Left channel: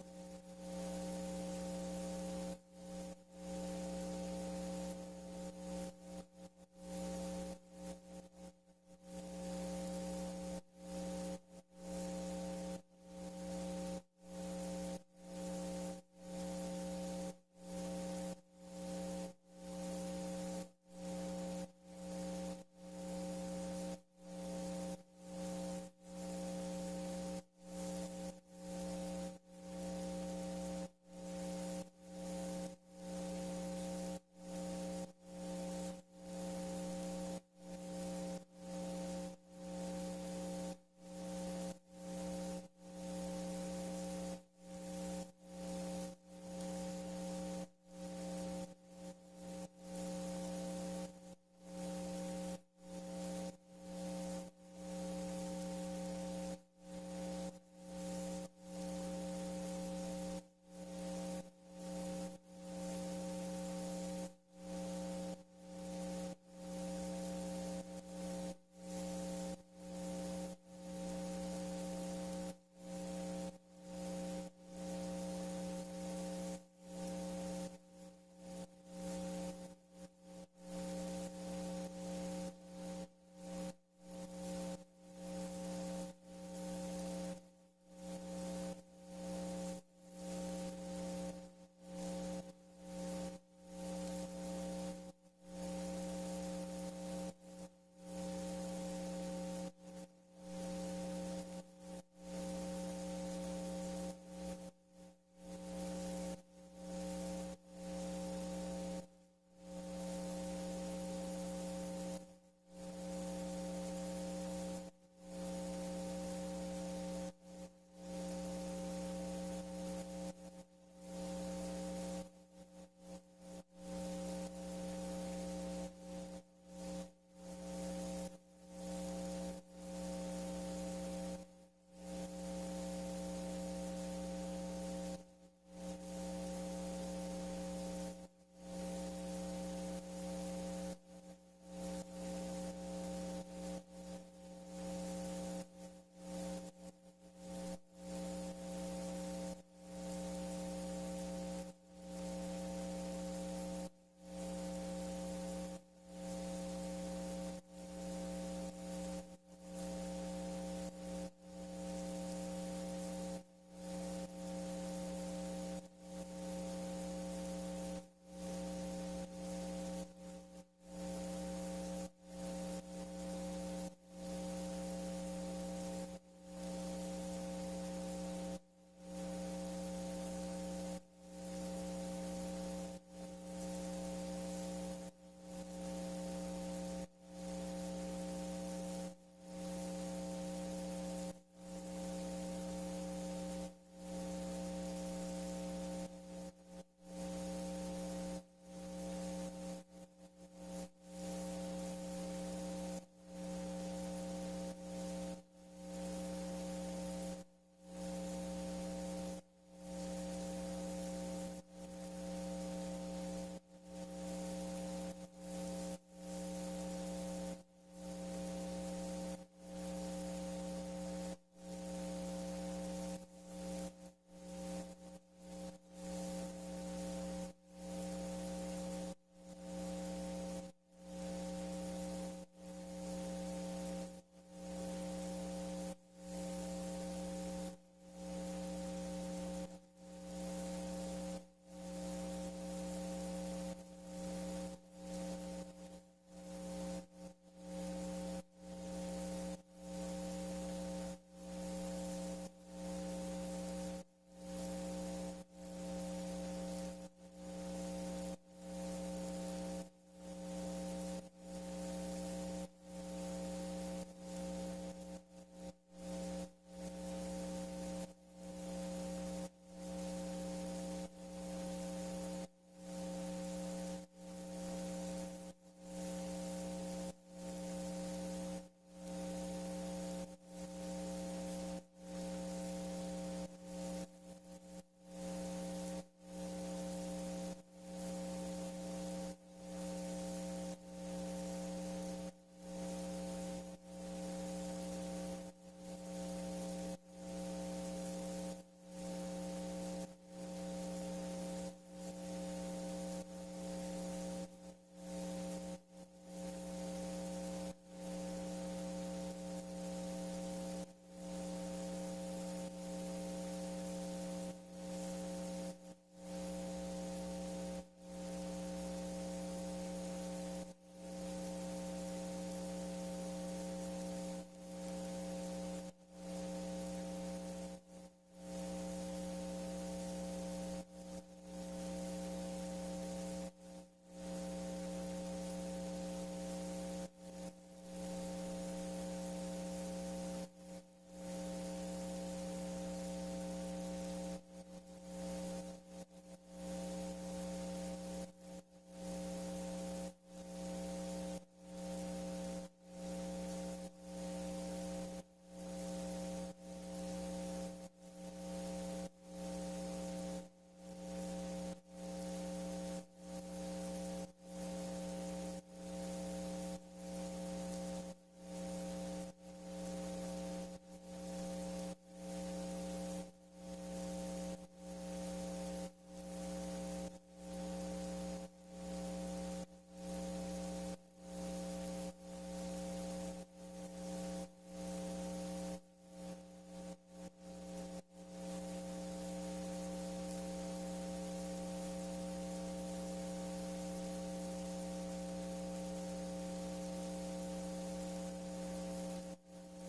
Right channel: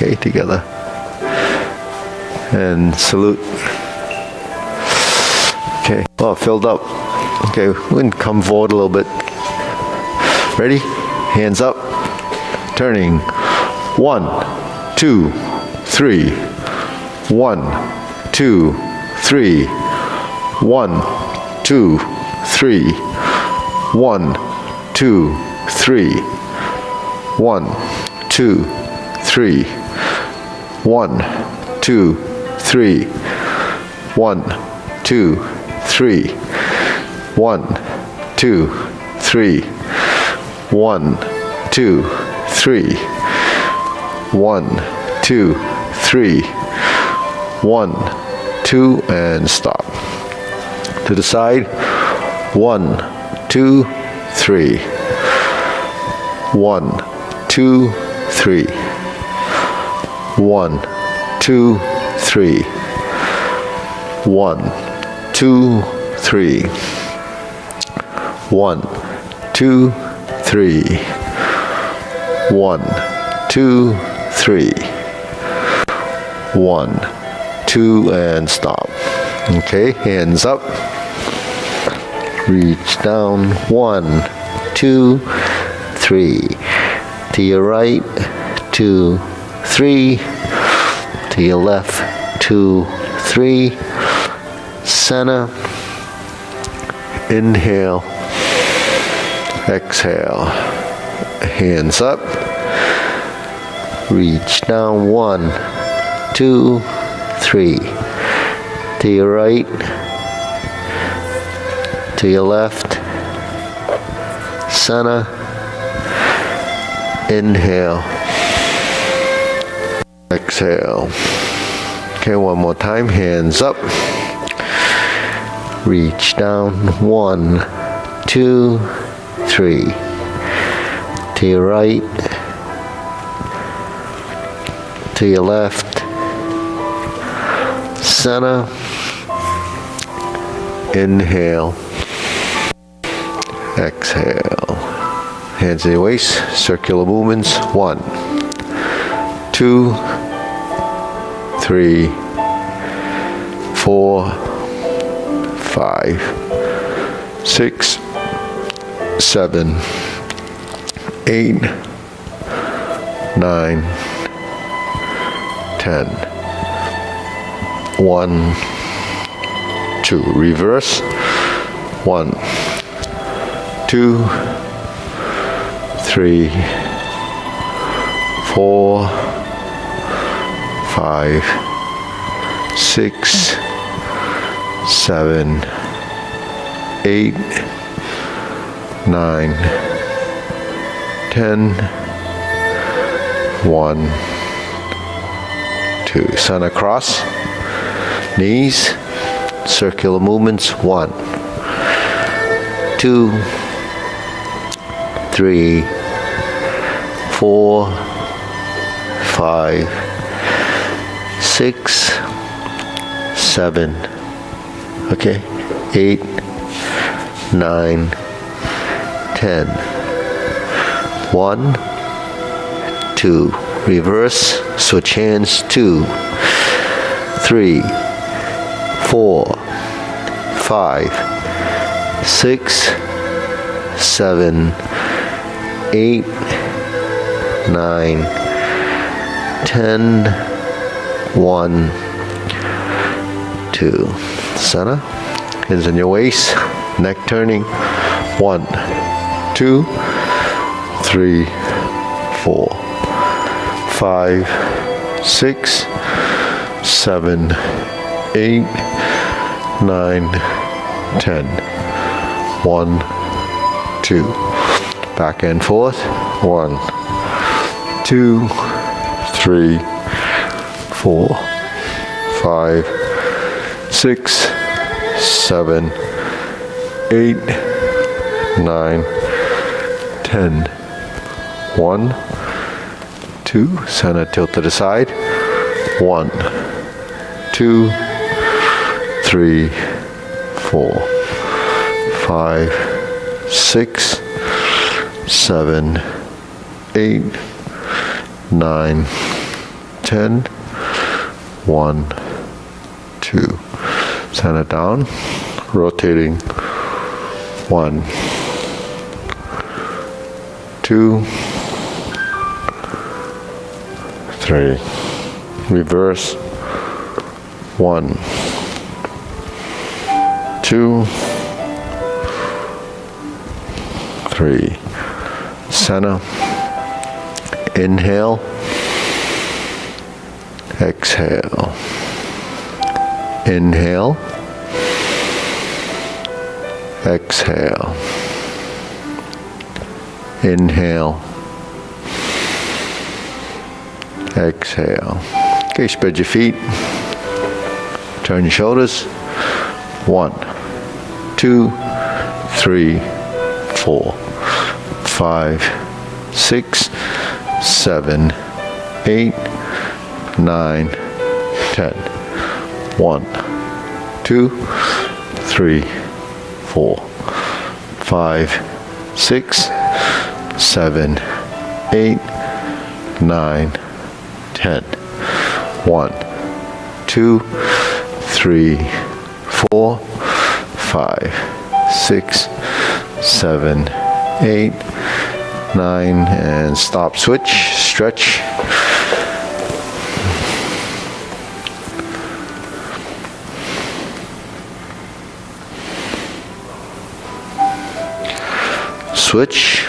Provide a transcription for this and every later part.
Okay, together. And salute. Okay, well, filled up. Okay, we can come forward a little bit. Ready? Hands up. Turning. 1, 2, 3. 1, 2, 3. 1, 2, 3. 1, 2, 3. 1, 2, 3. 1, 2, 3. 1, 2, 3. 1, 2, 3. 1, 2, 3. 1, 2, 3. 1, 2, and stop. To the side. 1, 2, 3. 1, 2, 3. 1, 2, 3. 1, 2, 3. 1, 2, 3. 1, 2, 3. 1, 2, and stop. Okay, hands up. Reach down. 1, 2, 3. To your right. 2, 3. To your left. 2, 3. Center. Inhale. Exhale. Hands up. Reach down. 1, 2, 3. To your right. To your left. Center. Inhale. Exhale. Okay, one more time. Hands up. Reach down. 1, 2, 3. To your right. To your left. Center. Inhale. Exhale. Hands in your waist. Circular movements. 1, 2, 3, 4, 5, 6, 7, 8, 9, 10. 1, 2. Reverse. 1, 2, 3, 4, 5, 6, 7, 8, 9, 10. 1, 2. Center cross. Knees. Circular movements. 1, 2, 3, 4, 5, 6, 7, okay, 8, 9, 10. 1, 2. Reverse. Switch hands. 2, 3, 4, 5, 6, 7, 8, 9, 10. 1, 2. Center. Hands in your waist. Neck turning. 1, 2, 3, 4, 5, 6, 7, 8, 9, 10. 1, 2. Back and forth. 1, 2, 3, 4, 5, 6, 7, 8, 9, 10. 1, 2. Center tilt to the side. 1, 2, 3, 4, 5, 6, 7, 8, 9, 10. 1, 2. Center down, rotating. 1, 2, 3. Reverse. 1, 2, 3. Center. Inhale. Exhale. Inhale. Exhale. Inhale. Exhale. Okay, spread your feet. Turn your shoulders. 1, 2, 3, 4, 5, 6, 7, 8, 9, 10. 1, 2, 3, 4, 5, 6, 7, 8, 9, 10. 1, 2, 3, 4, 5, 6, 7, 8, 9, and stop, switch, stretch. Switch.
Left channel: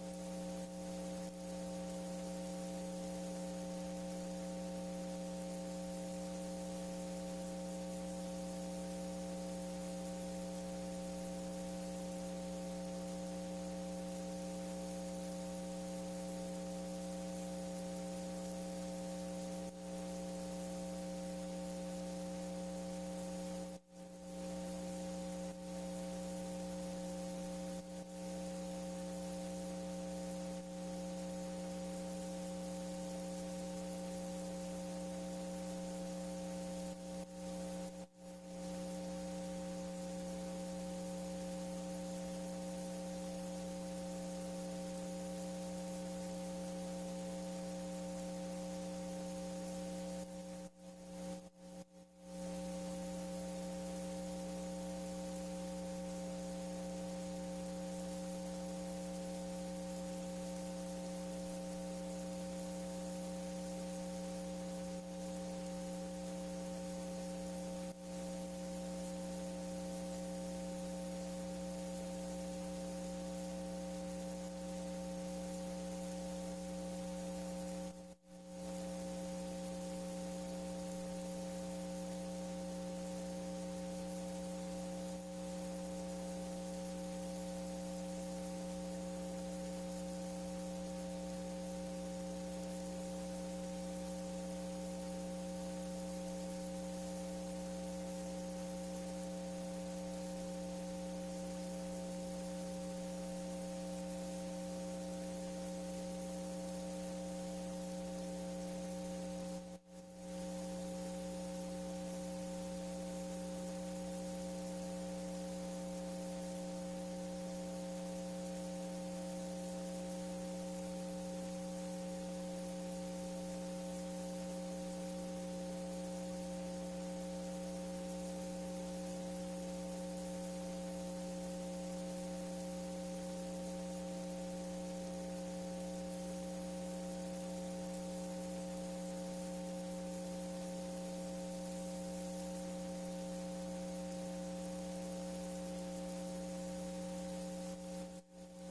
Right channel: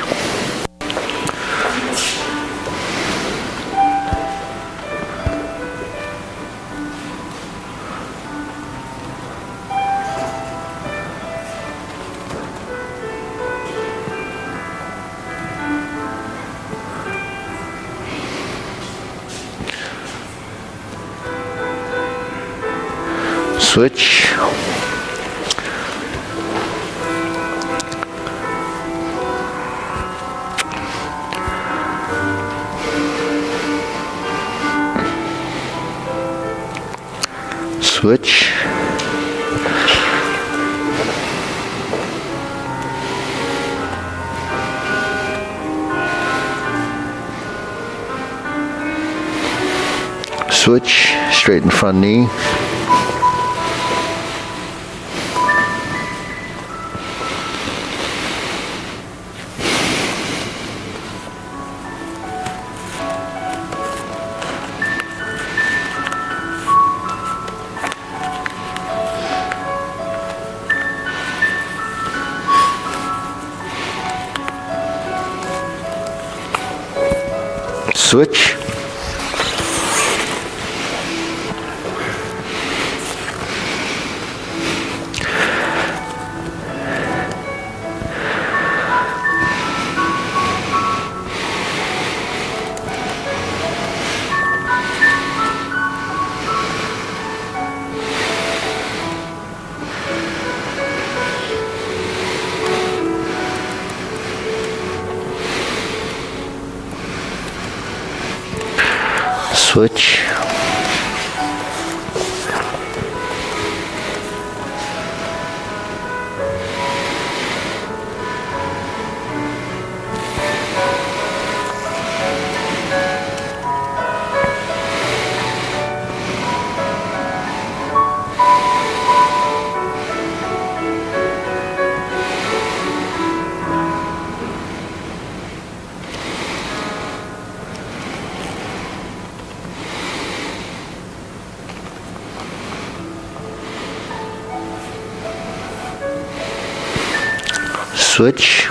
Switch. Switch. Switch, straighten front knee. Switch. Switch. Switch.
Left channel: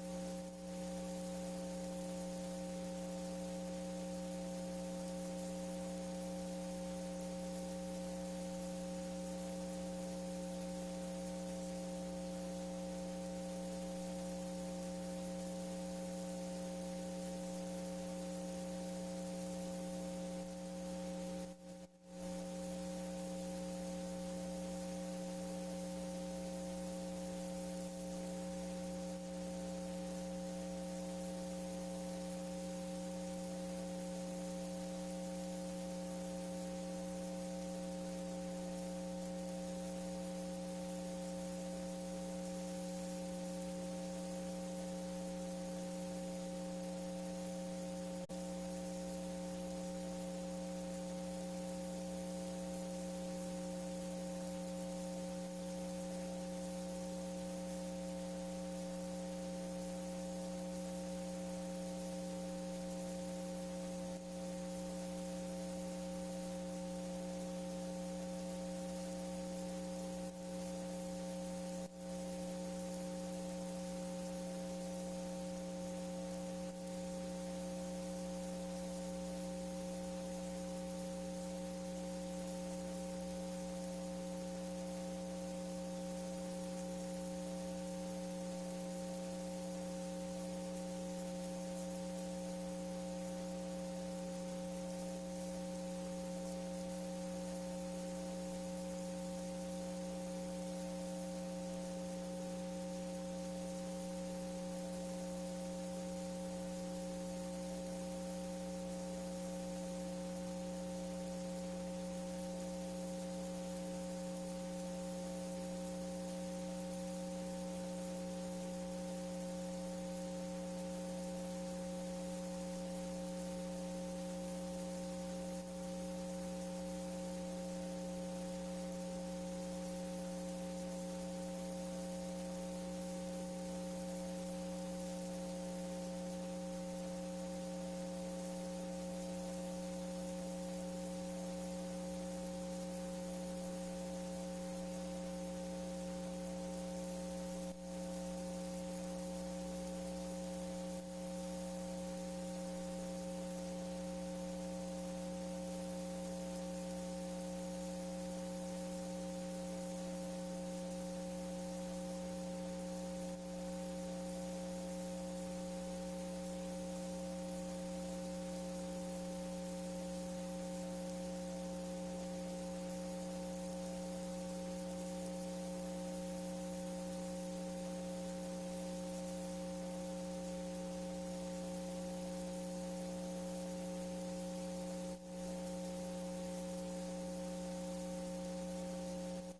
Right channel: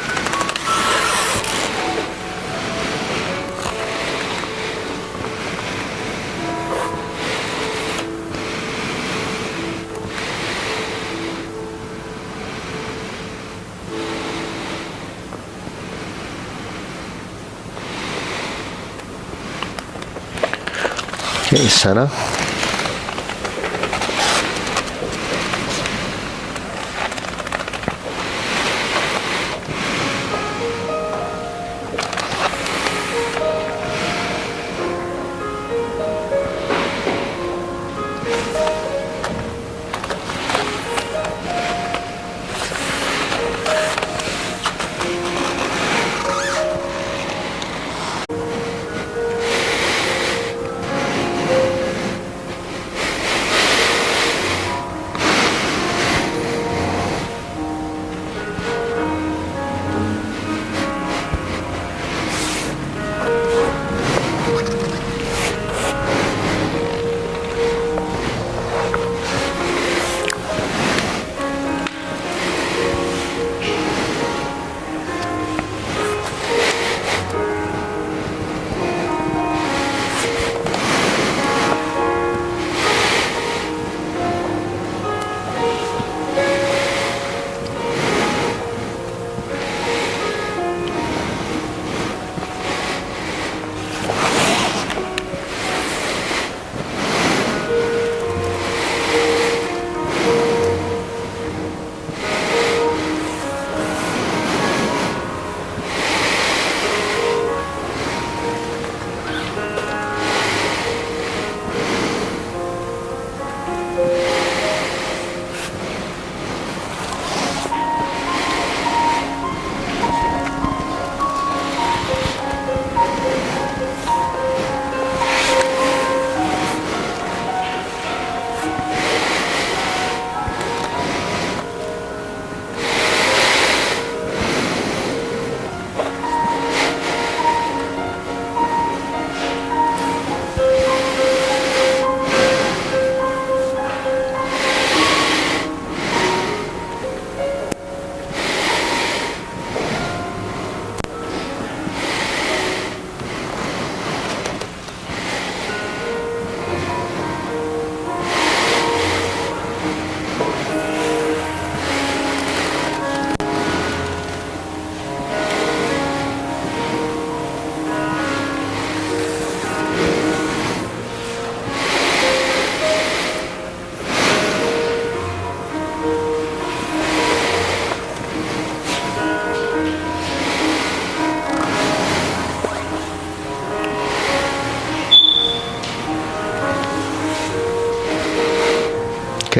Okay, center.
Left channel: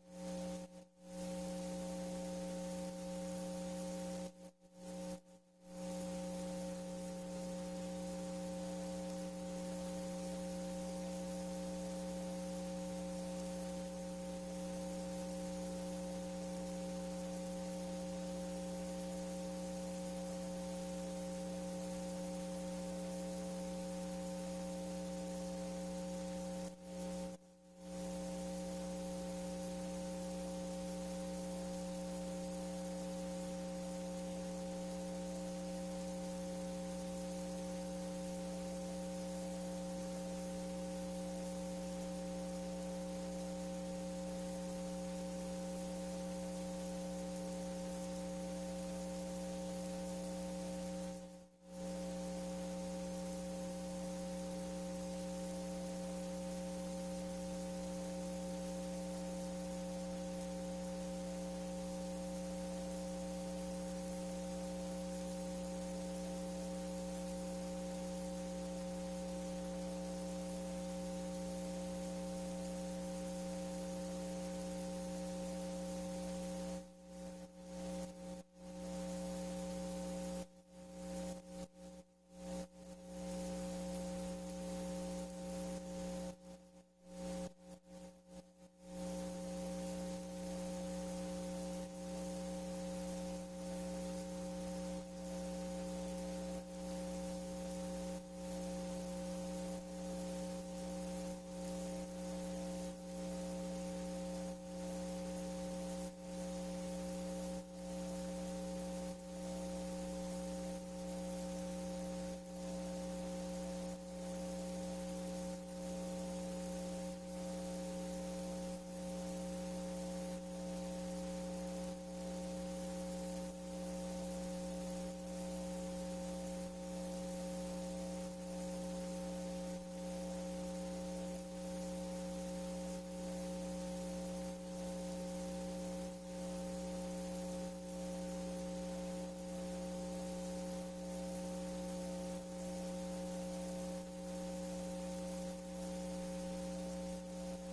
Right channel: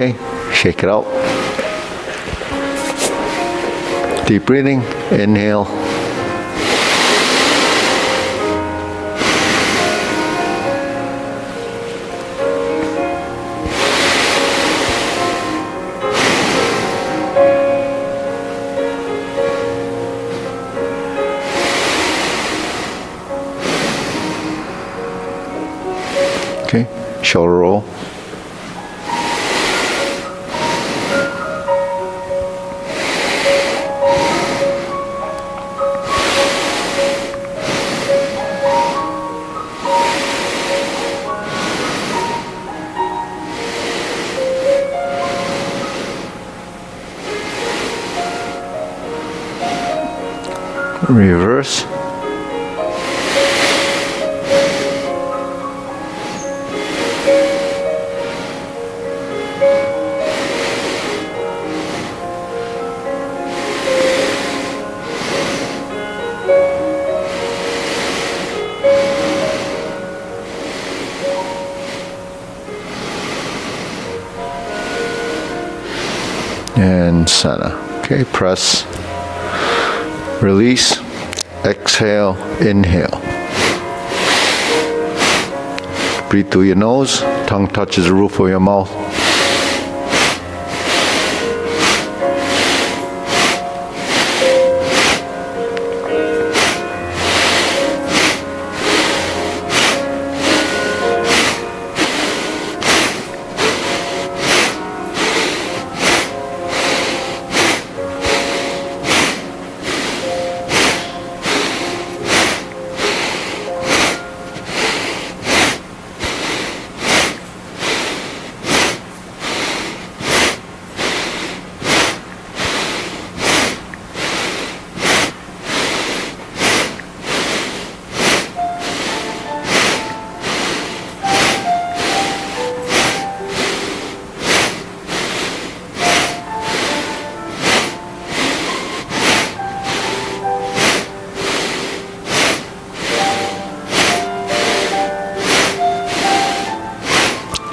Okay, shake it out. Deep breathing, inhale. Okay, shoulder roll. Reverse. And center. Okay, press. Release. Exhale, inhale. Breathe through your nose. Tongue touches the roof of your mouth.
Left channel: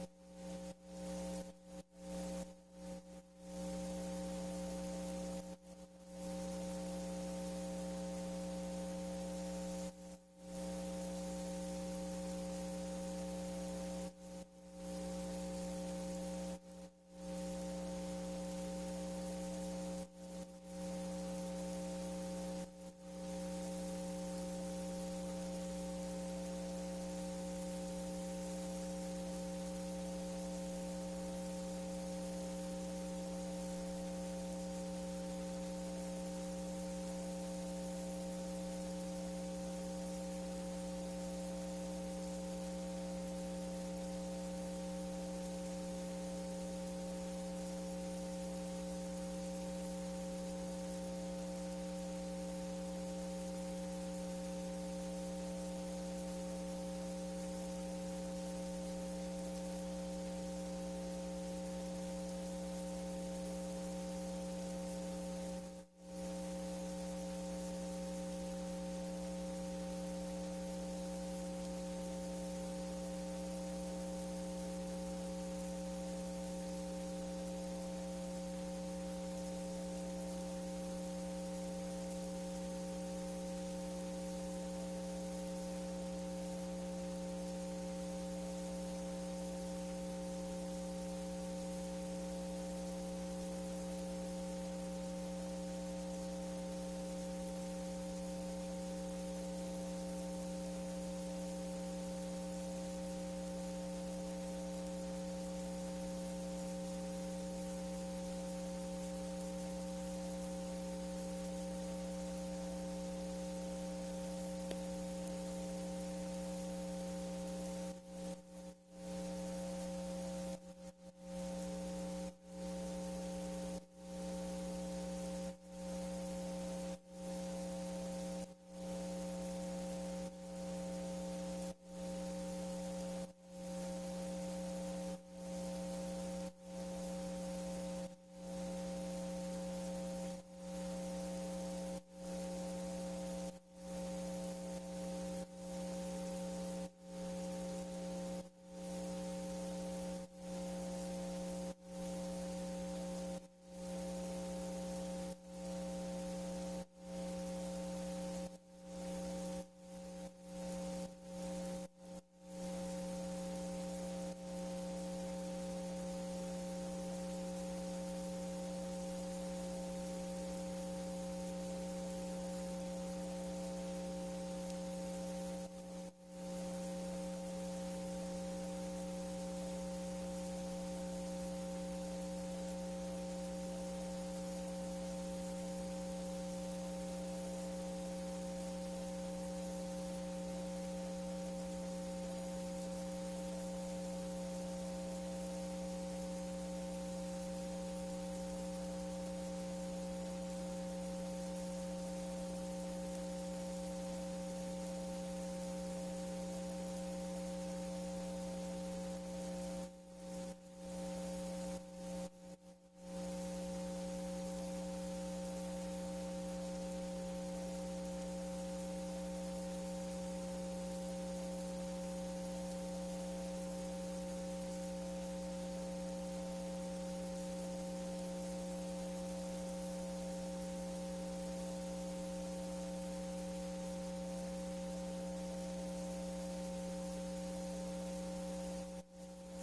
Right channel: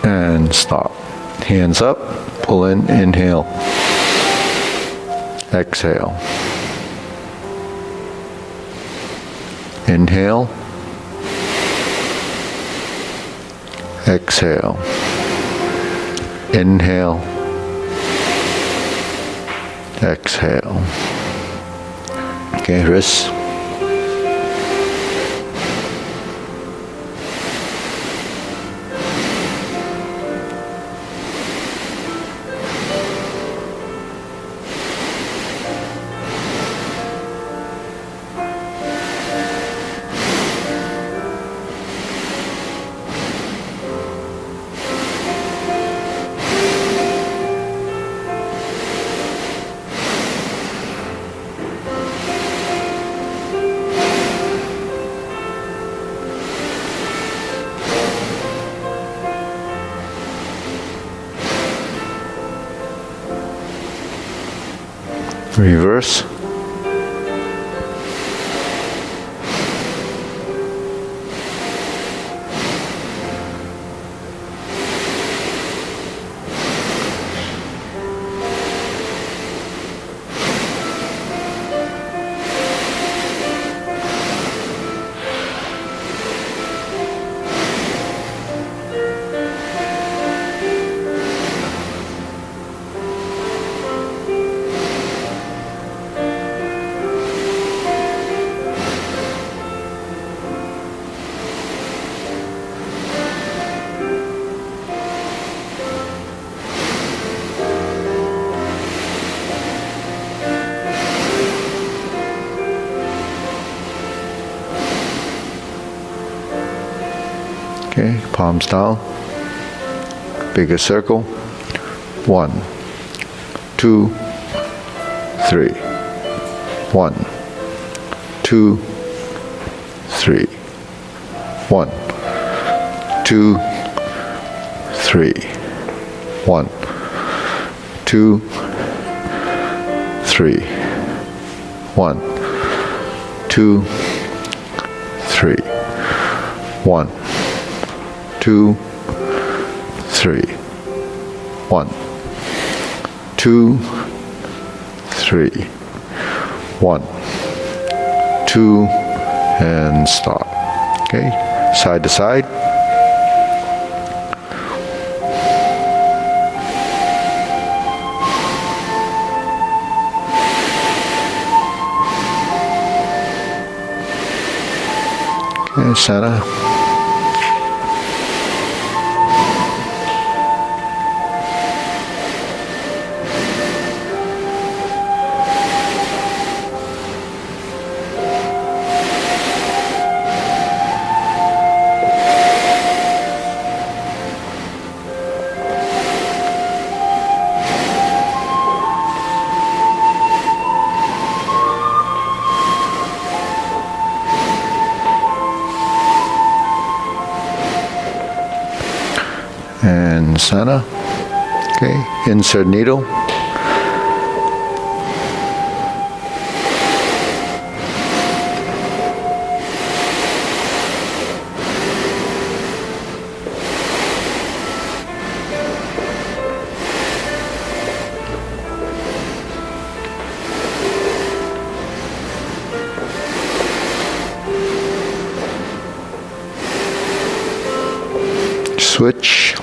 And stop. Hands up, pull in, inhale. Exhale. Inhale. Exhale. Inhale. Exhale. Okay, wrists. Reverse. Okay, palms down. Bigger circle. 1, 2, 3. 1, 2, 3. 1, 2, 3. 1, 2, 3. 1, 2, 3. 1, 2, 3. 1, 2, 3. 1, 2, and stop. Okay, side to side. Okay, center. And center. Okay, insert needle. Switch.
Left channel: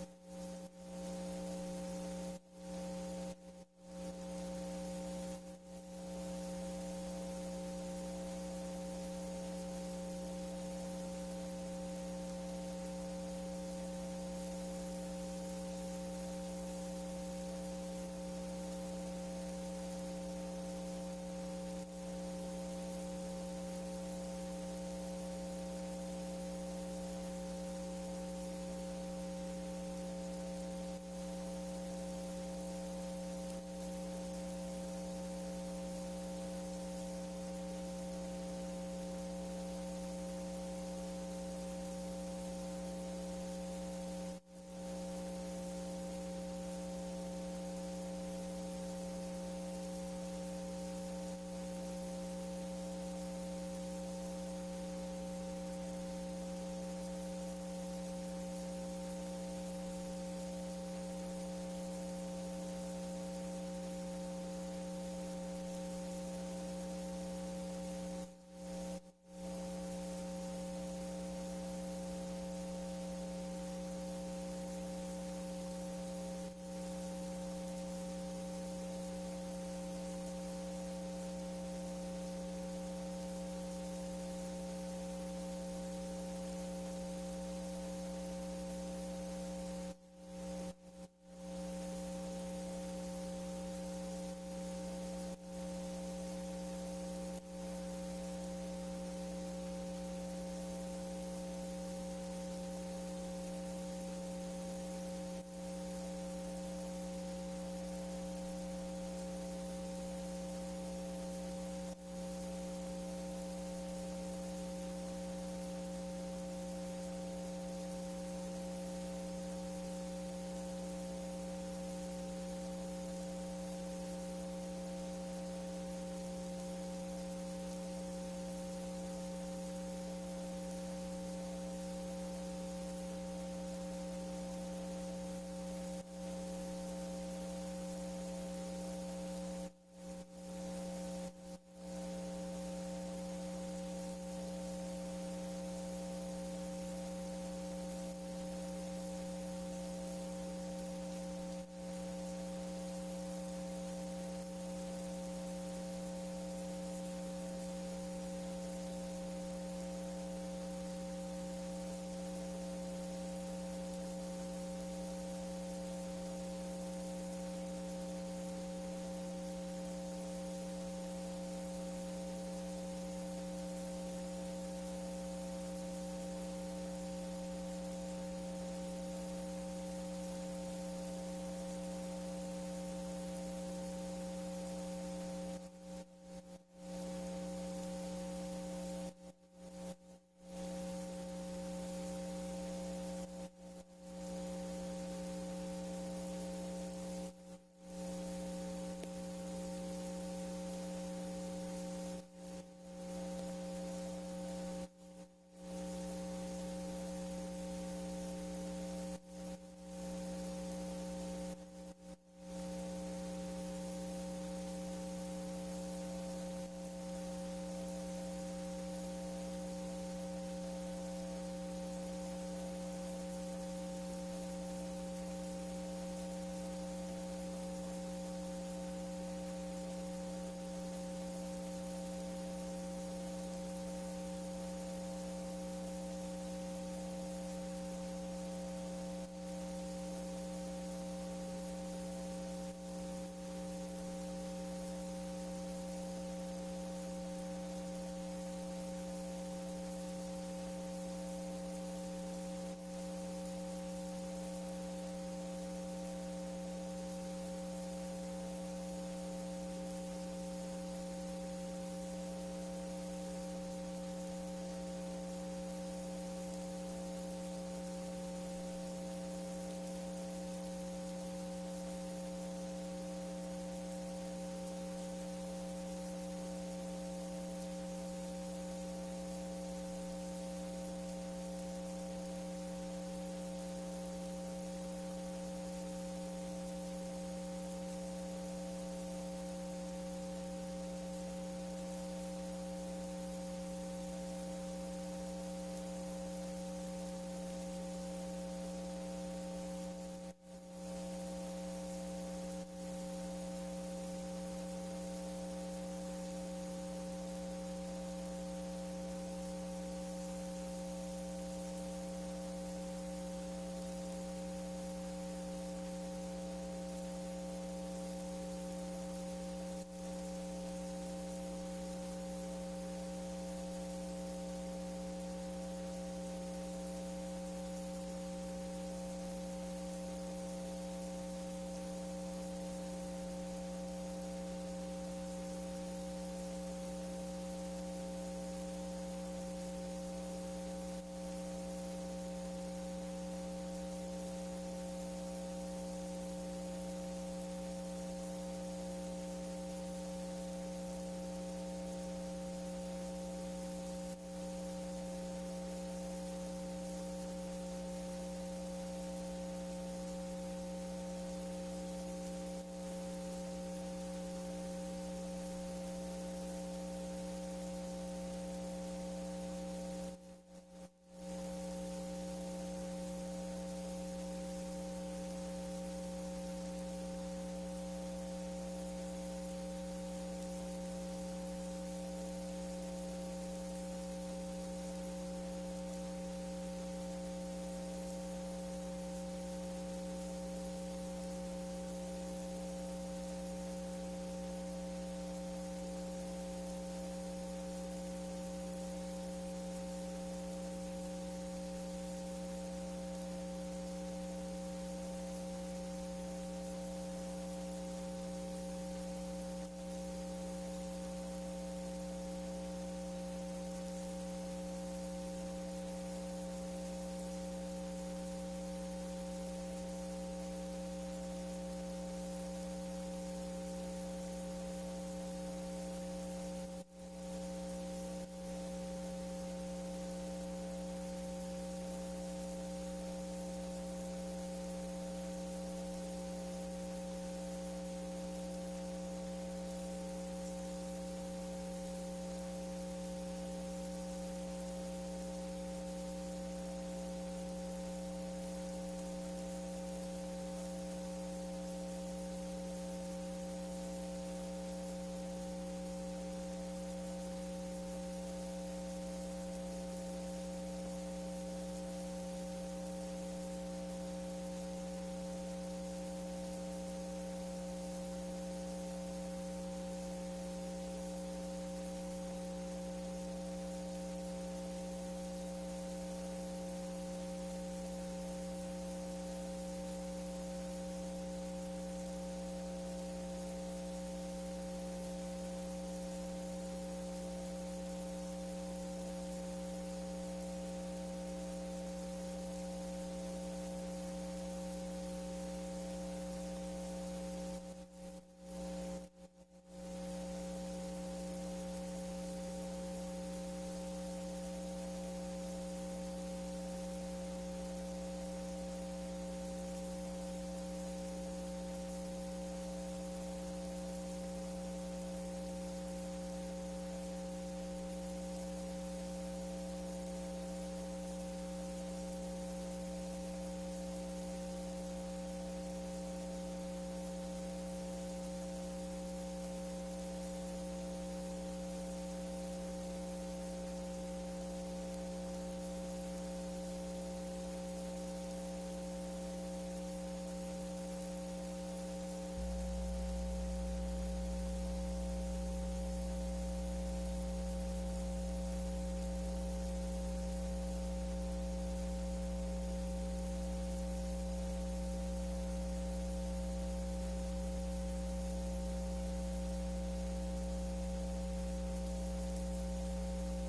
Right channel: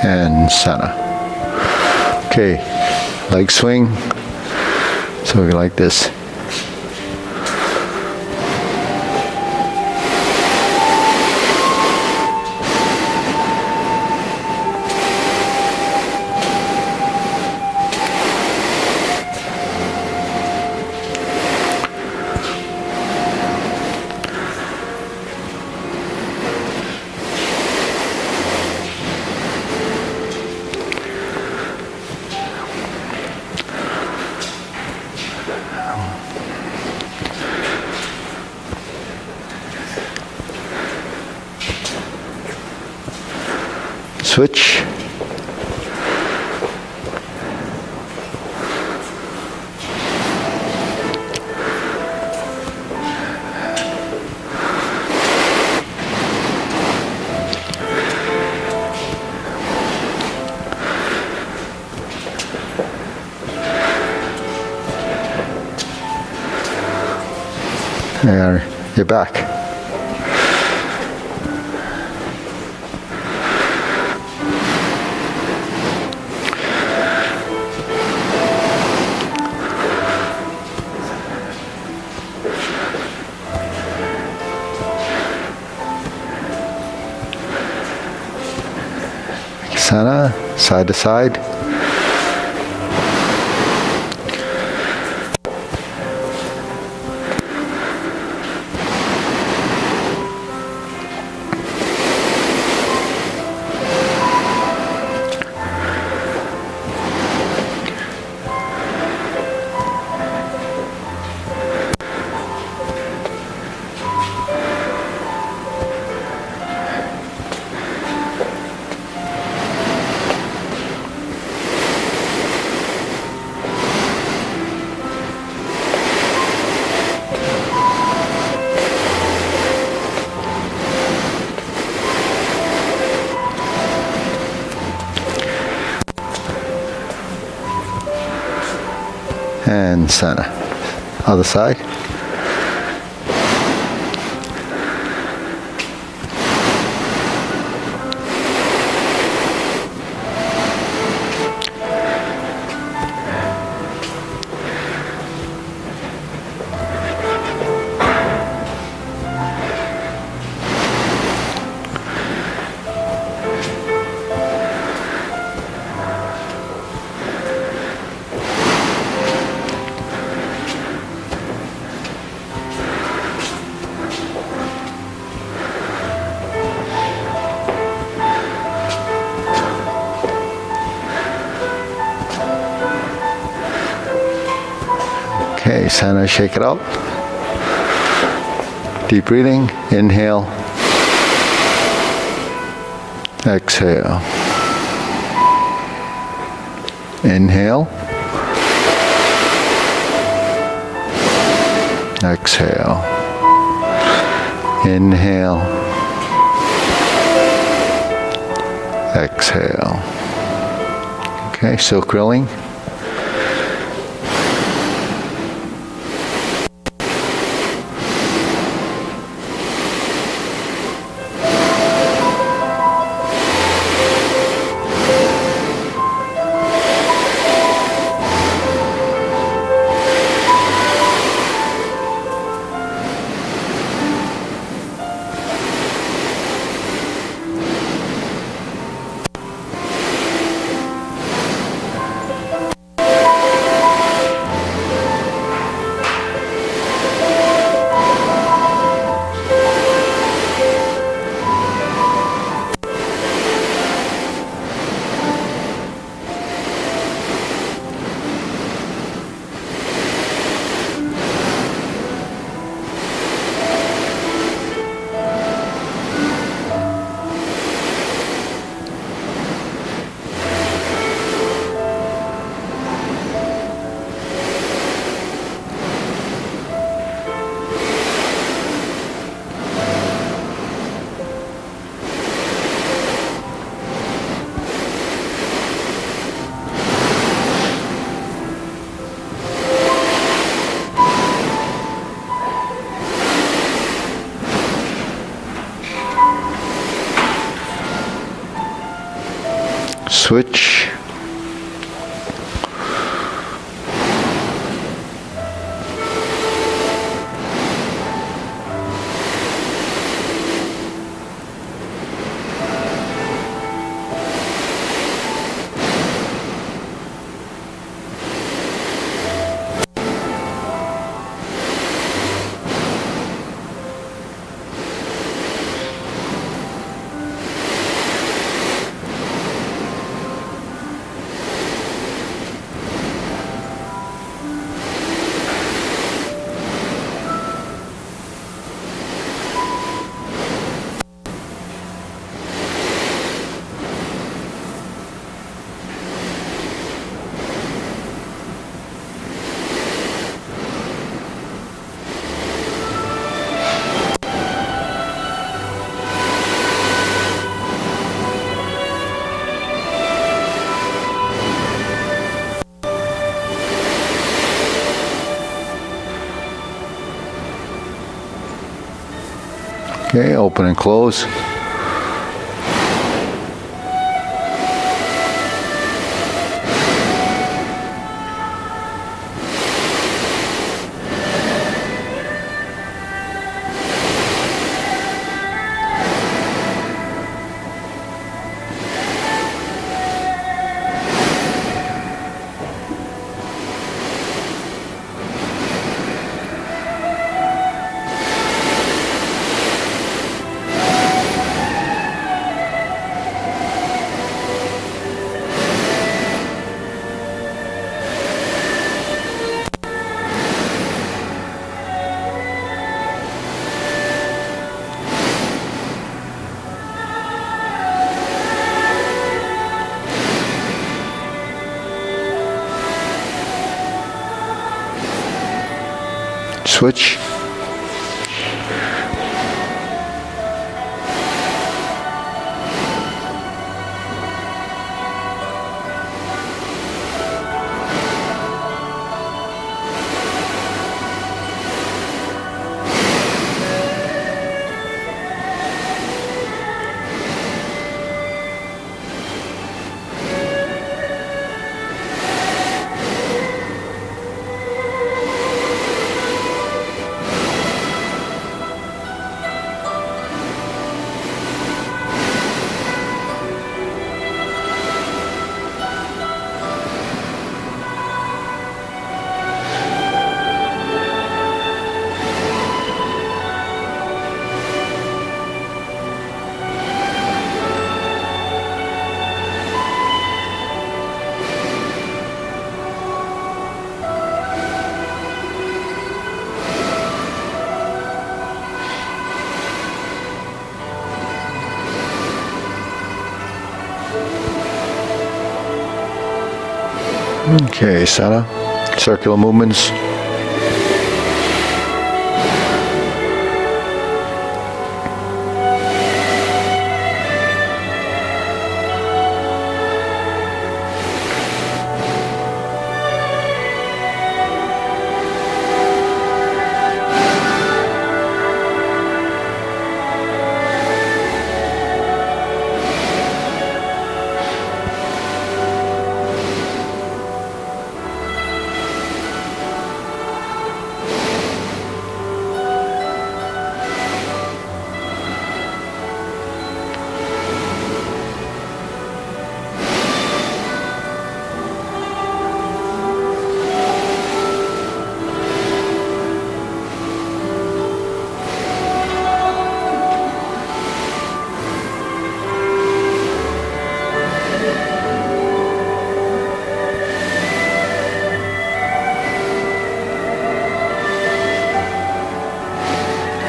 And center. Okay, leg swing. So we like this. Switch. There, you're back. Center, side to side. And center. Other side. Okay, center, shake it out. Deep breathing. Inhale. Exhale. Inhale. Exhale. Inhale. Exhale. Okay, still grilling. Switch. Okay, open and close. Switch. Okay, center, circular movements.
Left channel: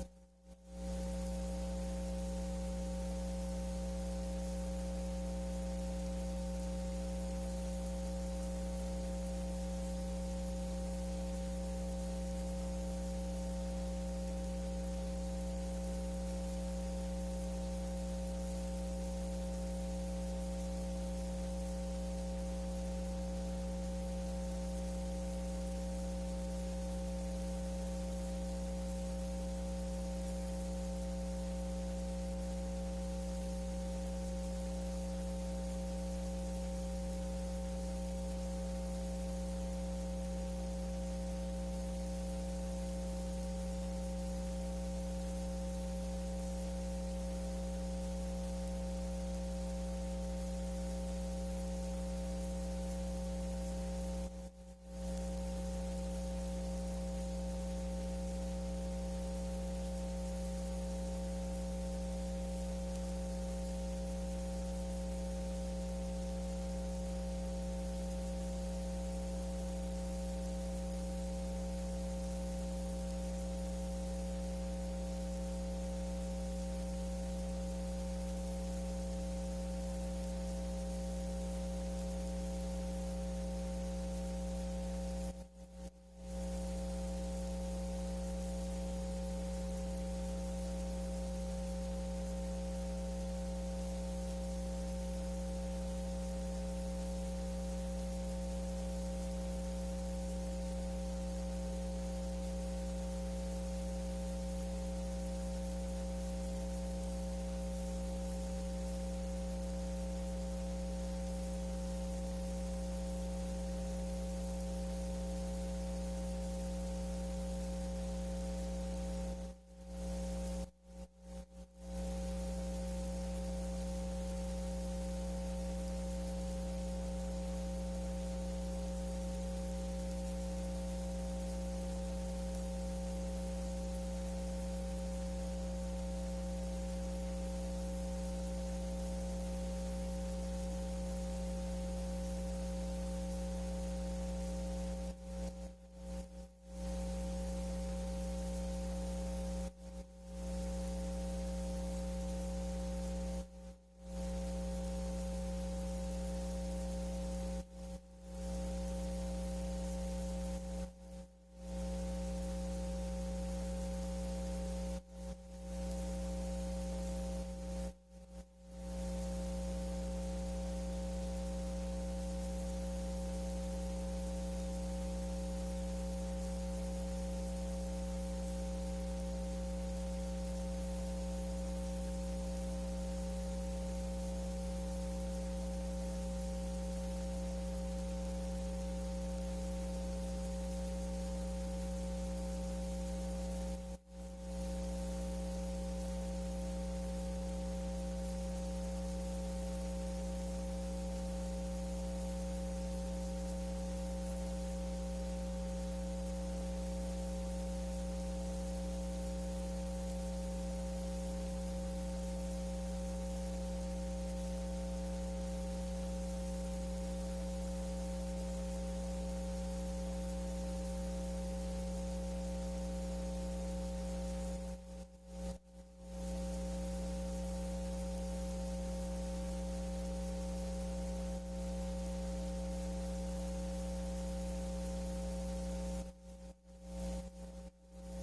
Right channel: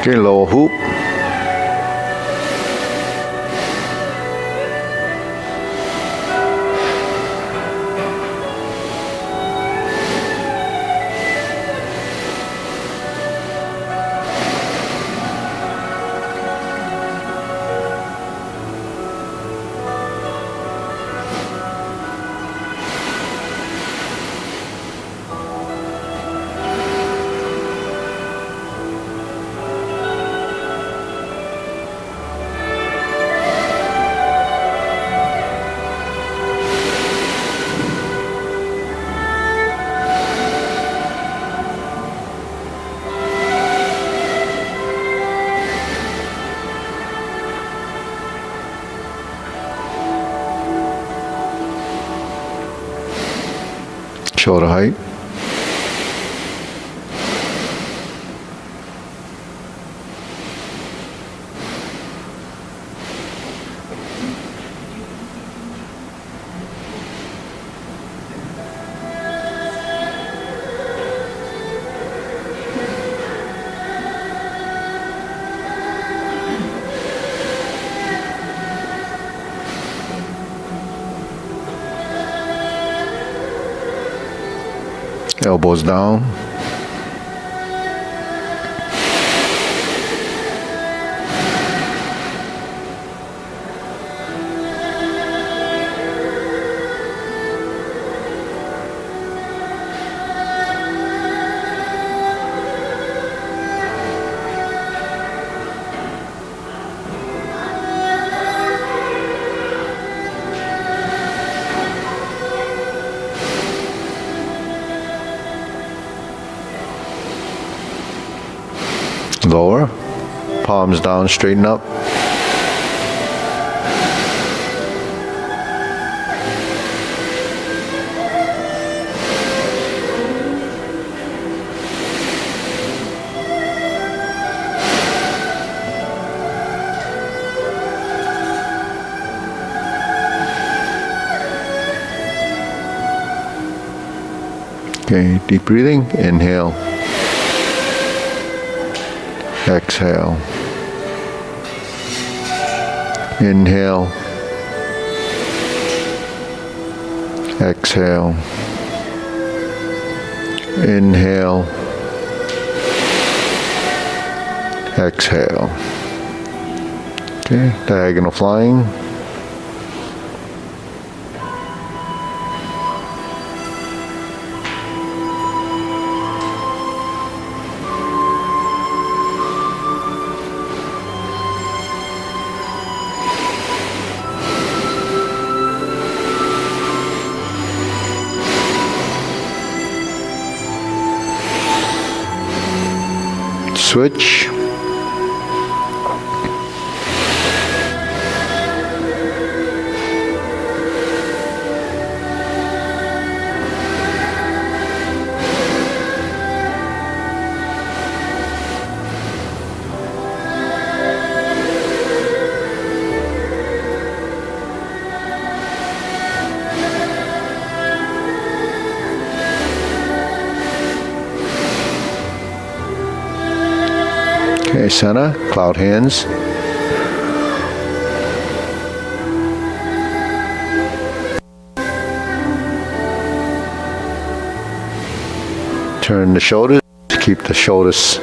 Okay, lower hoop. Shoulder height. Elbows down. Lower, palms down, straighten up. Okay, deep breathing, inhale. Exhale. Inhale. Exhale. Inhale. Exhale. Okay, diagonal flying. Switch. Okay, center, cloud hands. Turn the shoulders, keep the shoulders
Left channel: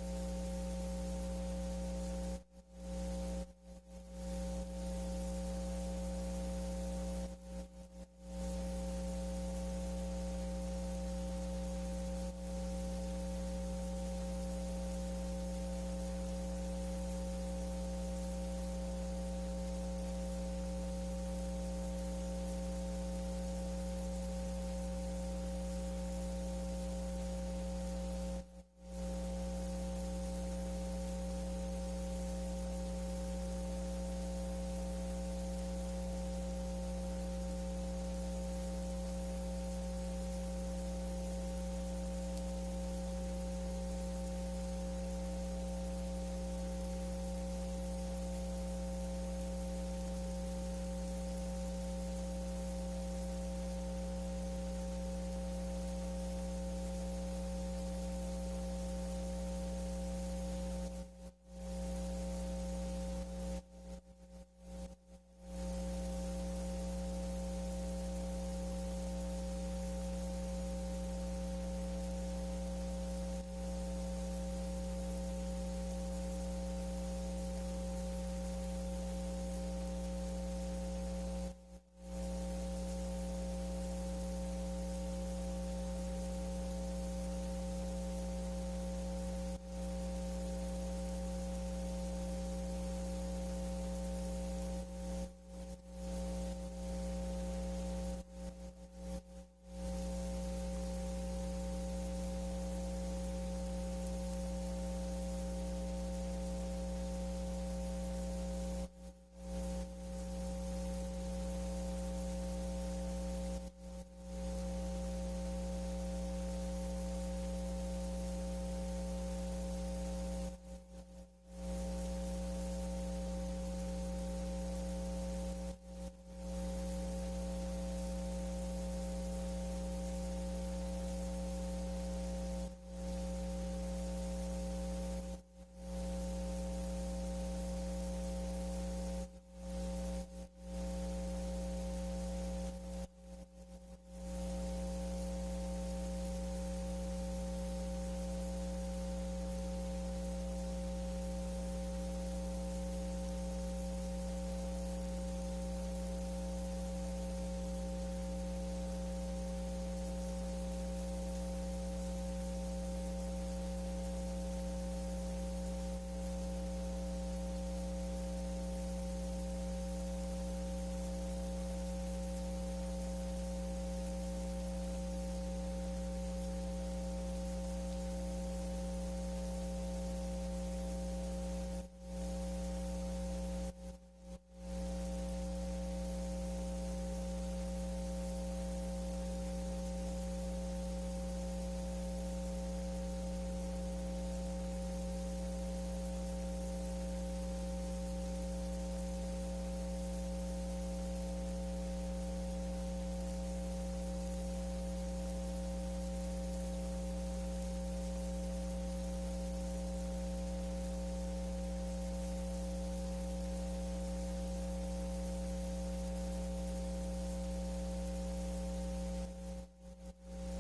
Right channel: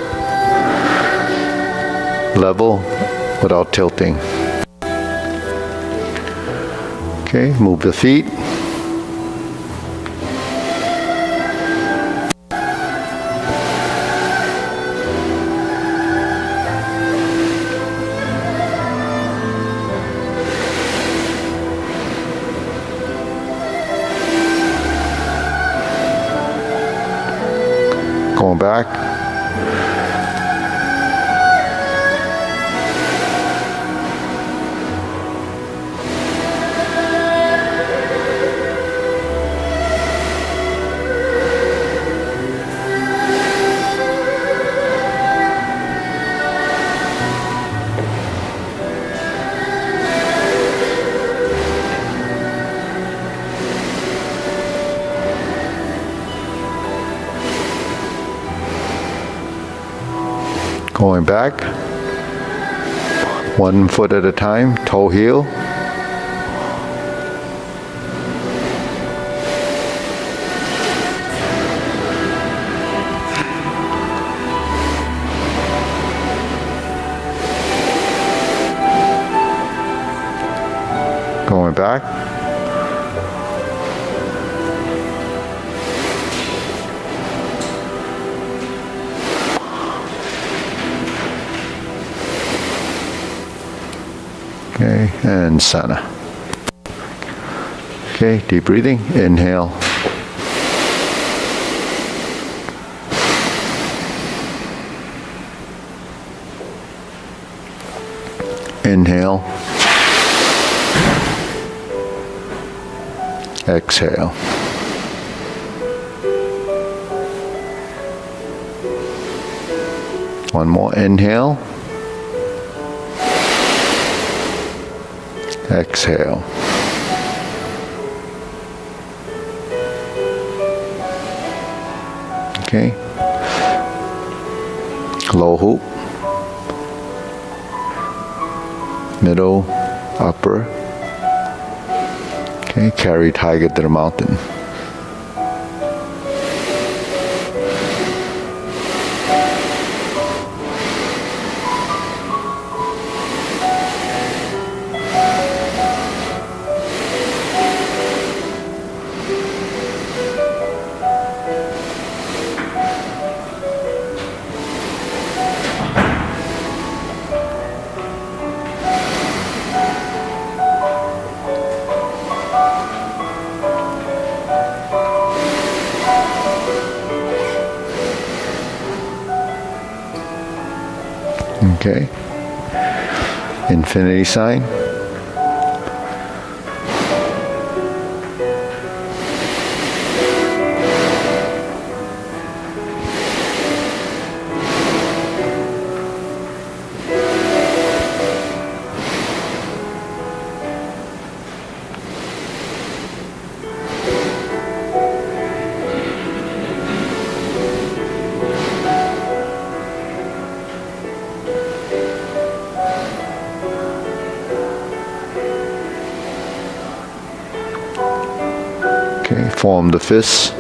level without tilting. Okay, move the feet. Going back. Going back, 1 foot at a time, toe heel. Going back. Okay, and center. Okay, deep breathing. Inhale. Inhale. Exhale. One more. Inhale. Exhale. Okay. Low hoop. Middle, upper. Okay, carry tiger to the mountain. Okay. Infinity sign. Okay, form the fists.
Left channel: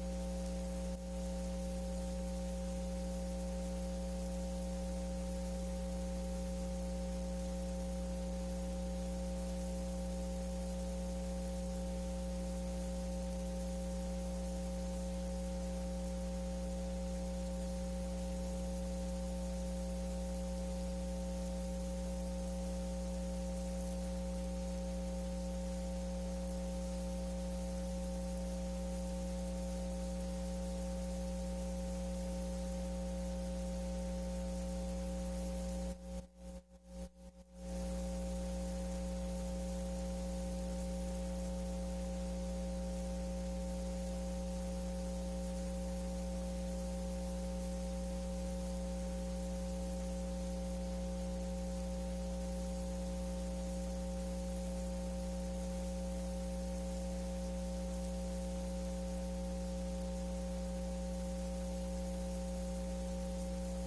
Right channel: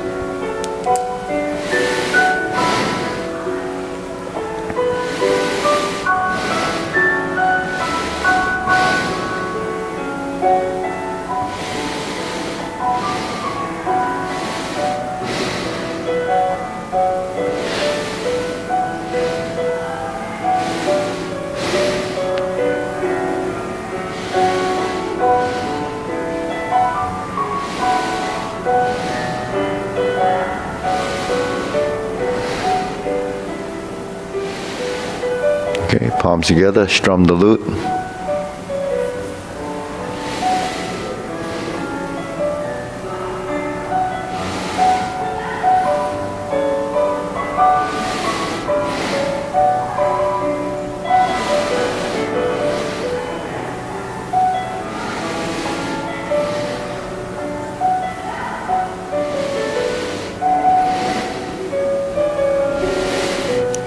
Okay, palms together, strum the lute.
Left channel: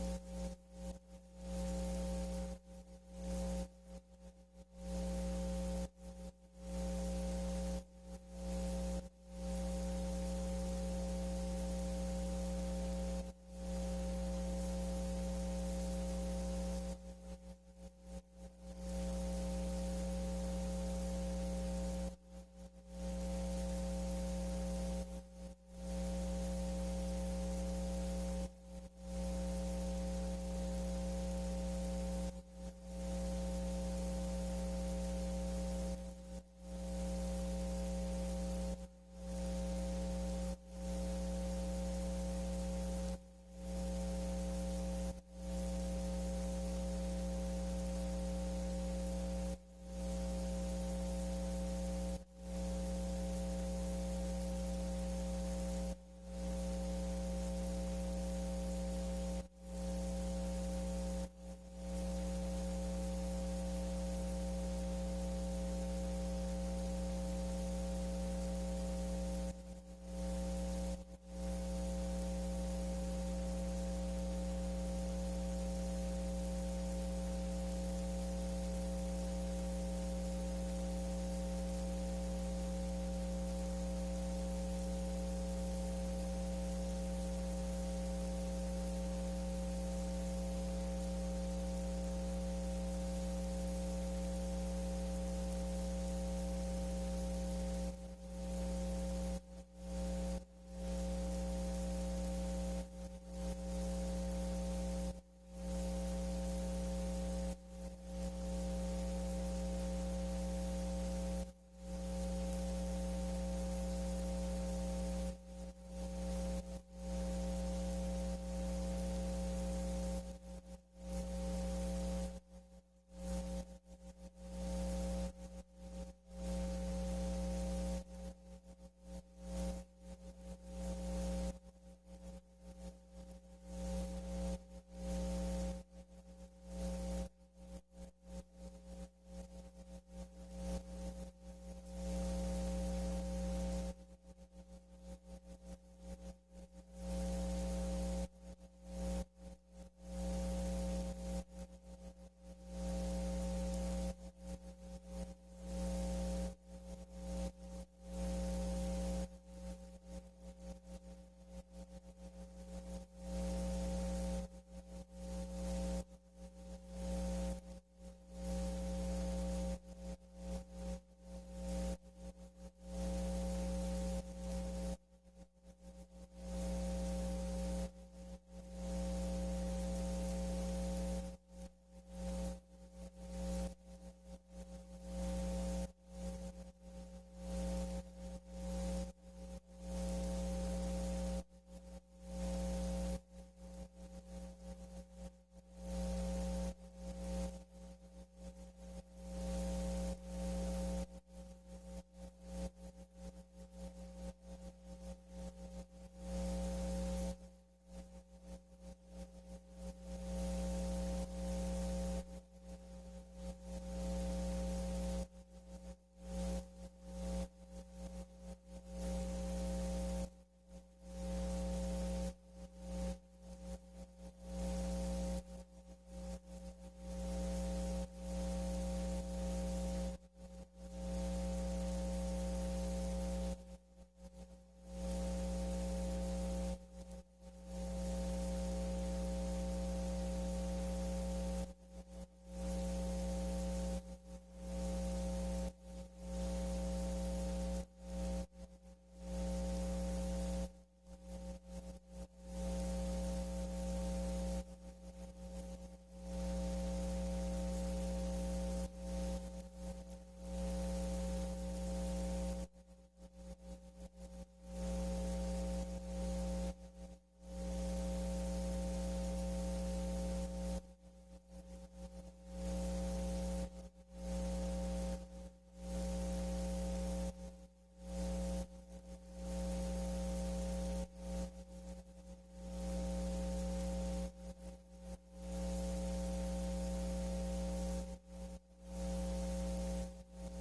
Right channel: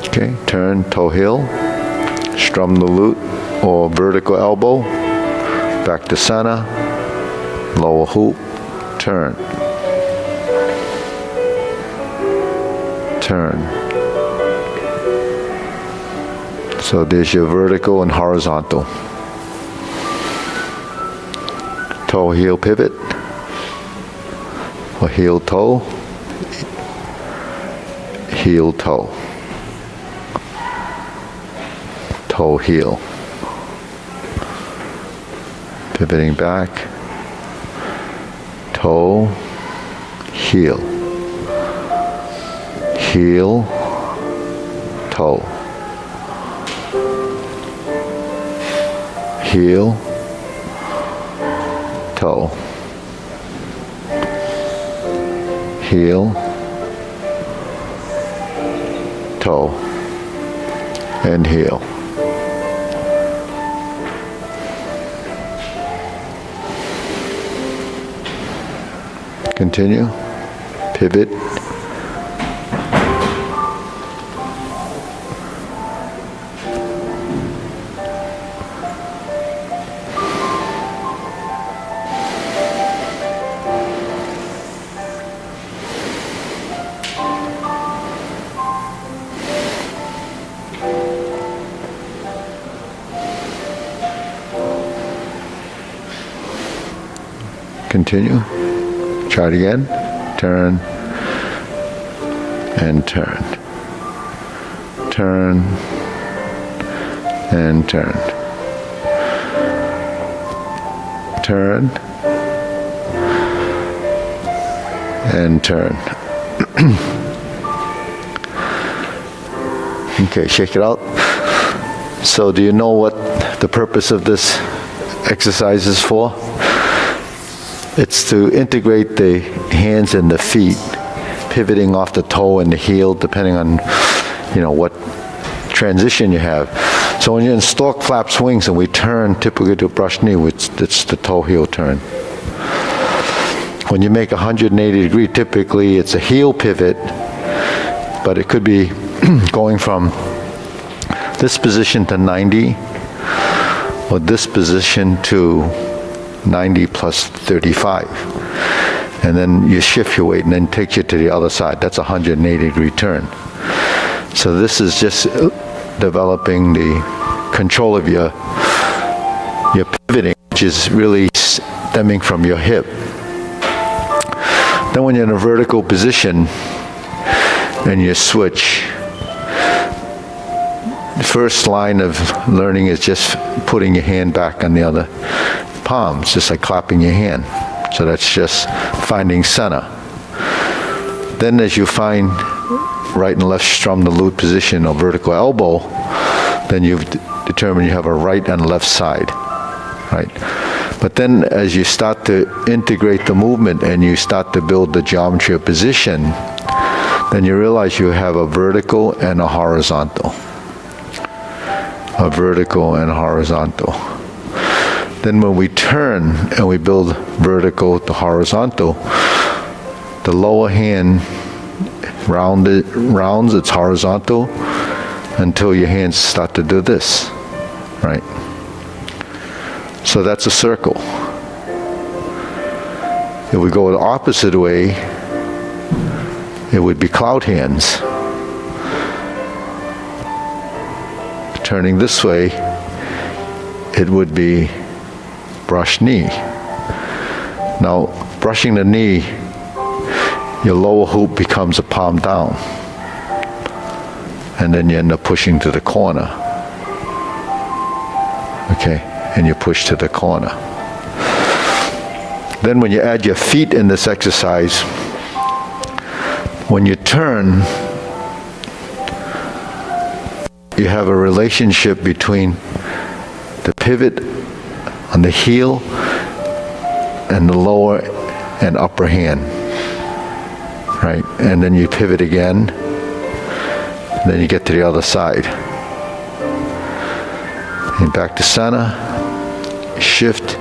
Okay, turn toe heel, strum the lute or vertical elbow, back to center, lower hoop, turn. turn. So there's your vertical and horizontal. Toe, heel, pivot, or heel, toe, heel, toe, toe, heel. Pivoting back, toe, heel, heel, toe, heel, toe, heel, toe, and heel. Continue, pivot, continue. Try it again. Turn and turn. Turn and turn. Turn and turn. Okay, shake it out. So do you know what the purpose of this exercise is for? It's to integrate the hands and the feet, pivoting off the toe and the heel, depending on, what transition you have. So when you're in stork flap swings and we turn typically to brush knee, it's the toe heel turn. When you make 180 degree, typically it's a heel pivot, but it could be going from this position to 90, or this position to 90 plus 35. And then you shift your weight and then takes you to the other side. That's a 180 degree turn. So this is just developing the control of your pivoting, which is really stemming from your hip. Then when you're in a vertical position and you switch, the first line of learning is just putting your hand back on the other palm. It's just like clapping your hand. So that's just finding center. Then as you find right and left strum the lute position or vertical elbow, then you've determined you have a right and left side, right? But then as you start to integrate the movement and you start to build the geometry of position, then you realize you have a vertical and a horizontal. A vertical and horizontal. Then when we turn and we build vertical to horizontal, the lower hand rounds its horizontal until your hands start to do this, right? So that's a circle. If we go the opposite way, it would be cloud hands. Turning this way, it would be brush knee. Now, brushing the knee, your lower hoop becomes a palm down. And then you end up pushing to the corner. Okay, and you push to the corner. Then when you add your feet in this exercise, when you turn, you have a relationship between the pivot on the heel and the lower and upper hand, right? And then you pivot again, and then you get to the other side. And back to center, shift.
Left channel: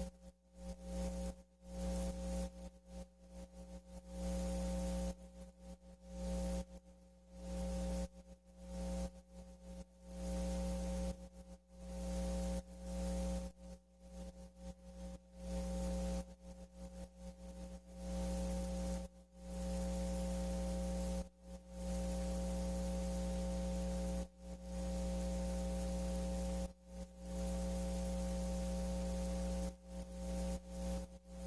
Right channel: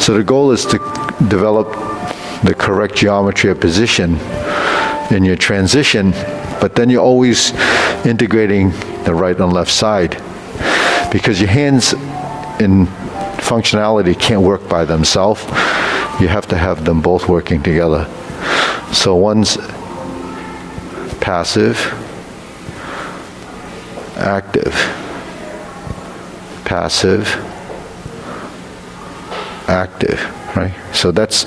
So the goal is to develop the correct geometry of position in your transition, but then you're always integrating the right and left side, because your hands in functionality can't work by themselves. You have to have them both working together. So one's passive, active, passive, active, right? So that's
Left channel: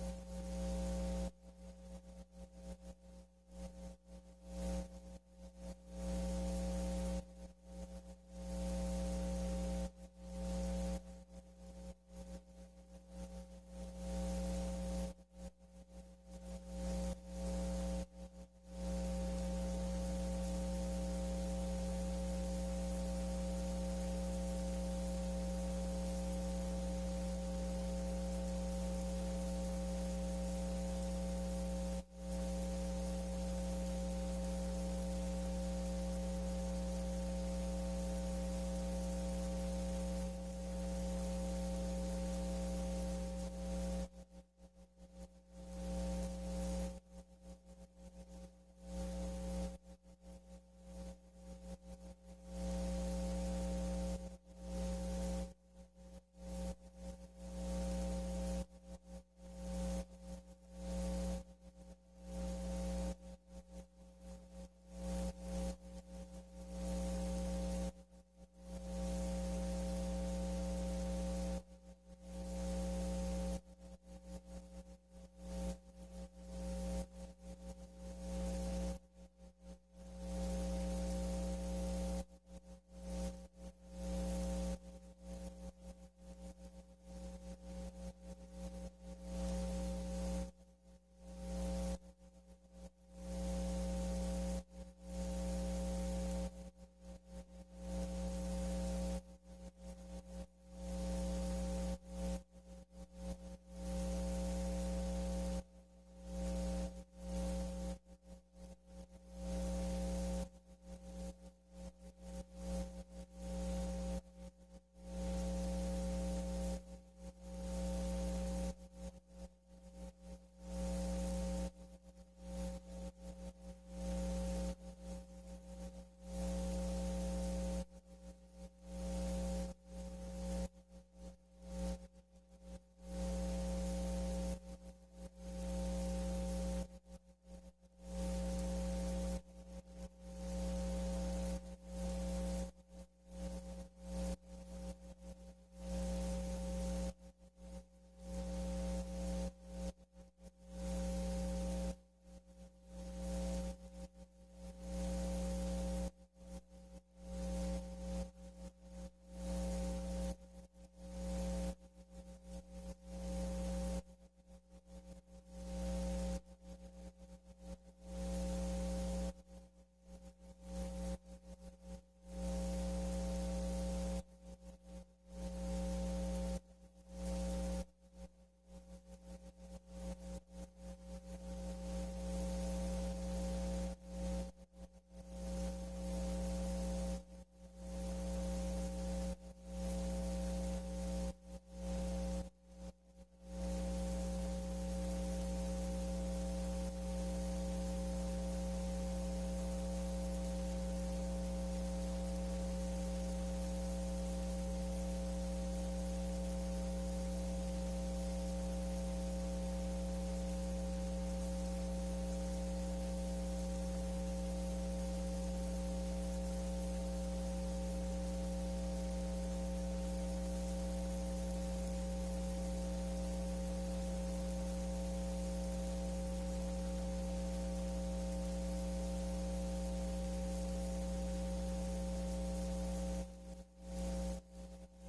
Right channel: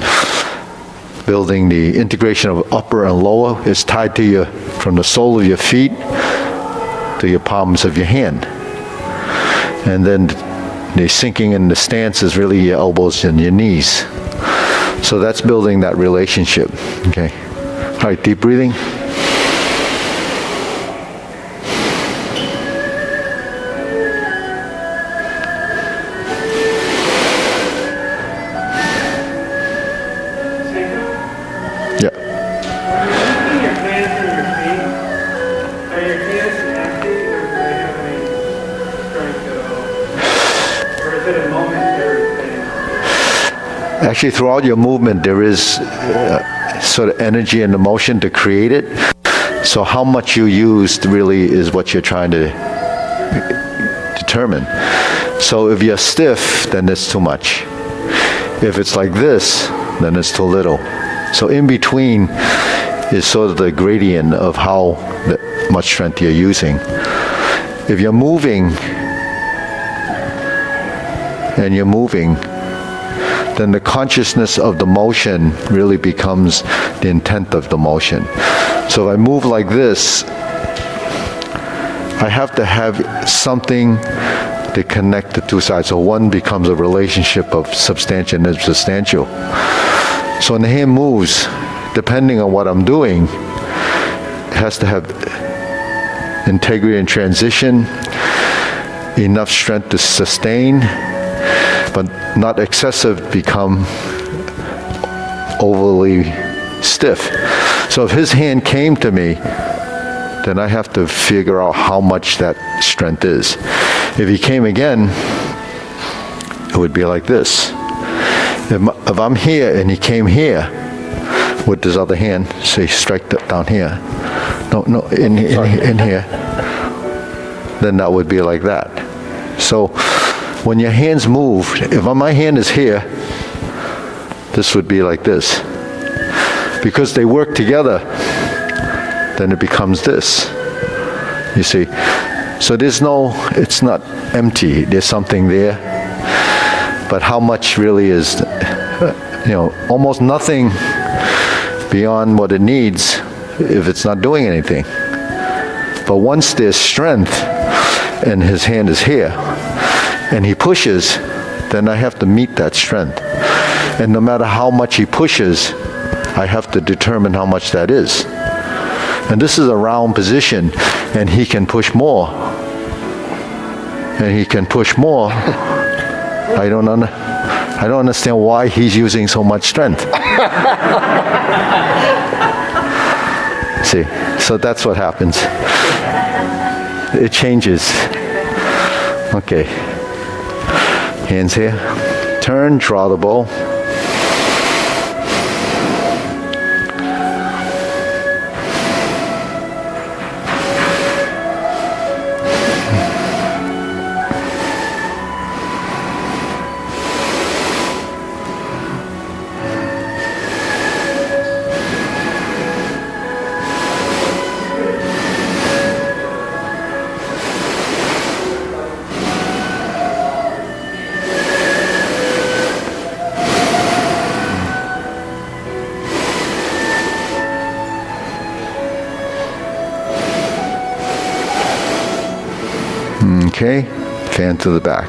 building the integration of upper and lower. Is tied to your, from the sole of your feet to your palms of your hand. And then the sinking in the stance is really your elbows and your knees. So that's building that relationship, okay? All right, deep breathing. Yeah. Are you your hands on your feet? Are your hands empty or do they have any strength at all? Or is it a momentary thing? Actually, throughout your movement, there is sort of energy and emotion to create it. So how much you used really is what you're trying to determine. So if you're stiff, then it's too much. If it's like this, then it's too little. So in between is sort of the gradient of how much strength you're using. If you're moving, then the consciousness of the motion really becomes the intent of the motion. So if I move like this, I have to have something to connect the two sides. So one becomes a relationship of substantial and insubstantial. So when the hand moves, depending on what I'm doing, it has to have integrity and transition, enough strength to sustain, but not excessive, become overly stiff. So if his hand came to me, then I have to figure out how much that strength is. If he came again, it would be like this. If I'm here and he came here with his other hand, say strike down here, in here, then that would be like that. So when your hands move, if my hand is here, this would be like this. Because they work together, then it becomes this. You see? So it's not empty, there's something there. But how much really is, almost nothing beyond what it needs if it's not doing anything. But once there's strength and his hand is here and he pushes, then I have to meet that strength. And no matter how much he pushes, I have to determine how much that is. And this is a round position, and he can push more. And he can push more. I don't understand why he's using so much strength. See, so that's what happens. It changes. Okay. Hands here. Turn, draw the bow. Okay, fan to the back.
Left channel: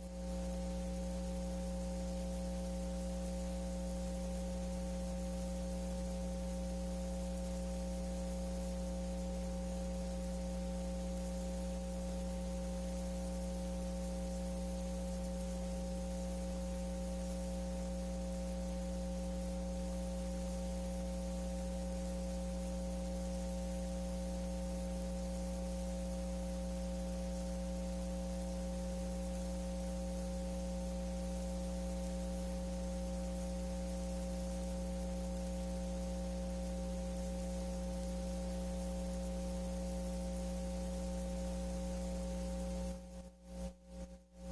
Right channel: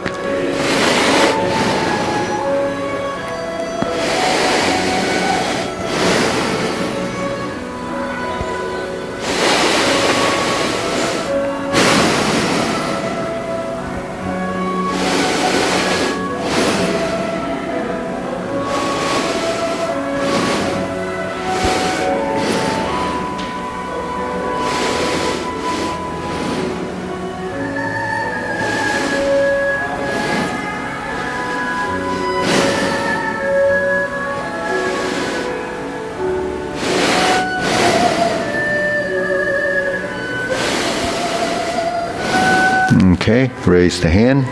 Okay, raise the hand.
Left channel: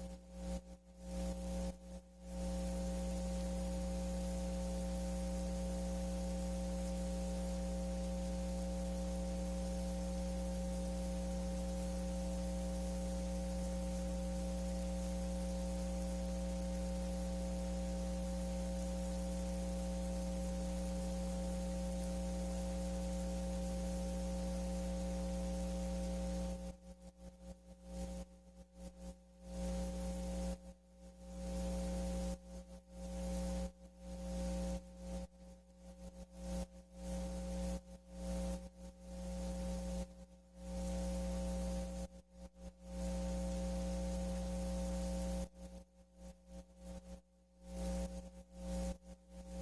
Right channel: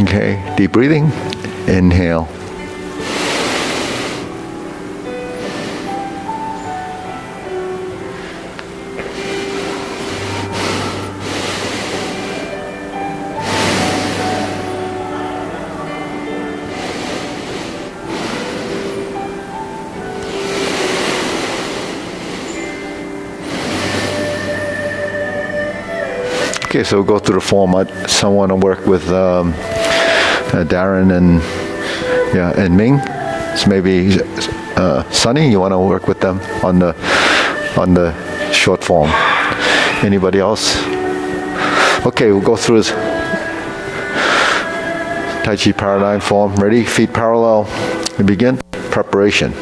Okay, deep breathing. Inhale. Okay, so we'll go through the form. Some want to work with Darren and Ming. So maybe Sunny, you want to work with them on the short form. Anybody else? Okay, we'll go through this Tai Chi Paradigm form. Ready? Feet parallel. We begin. Preparation.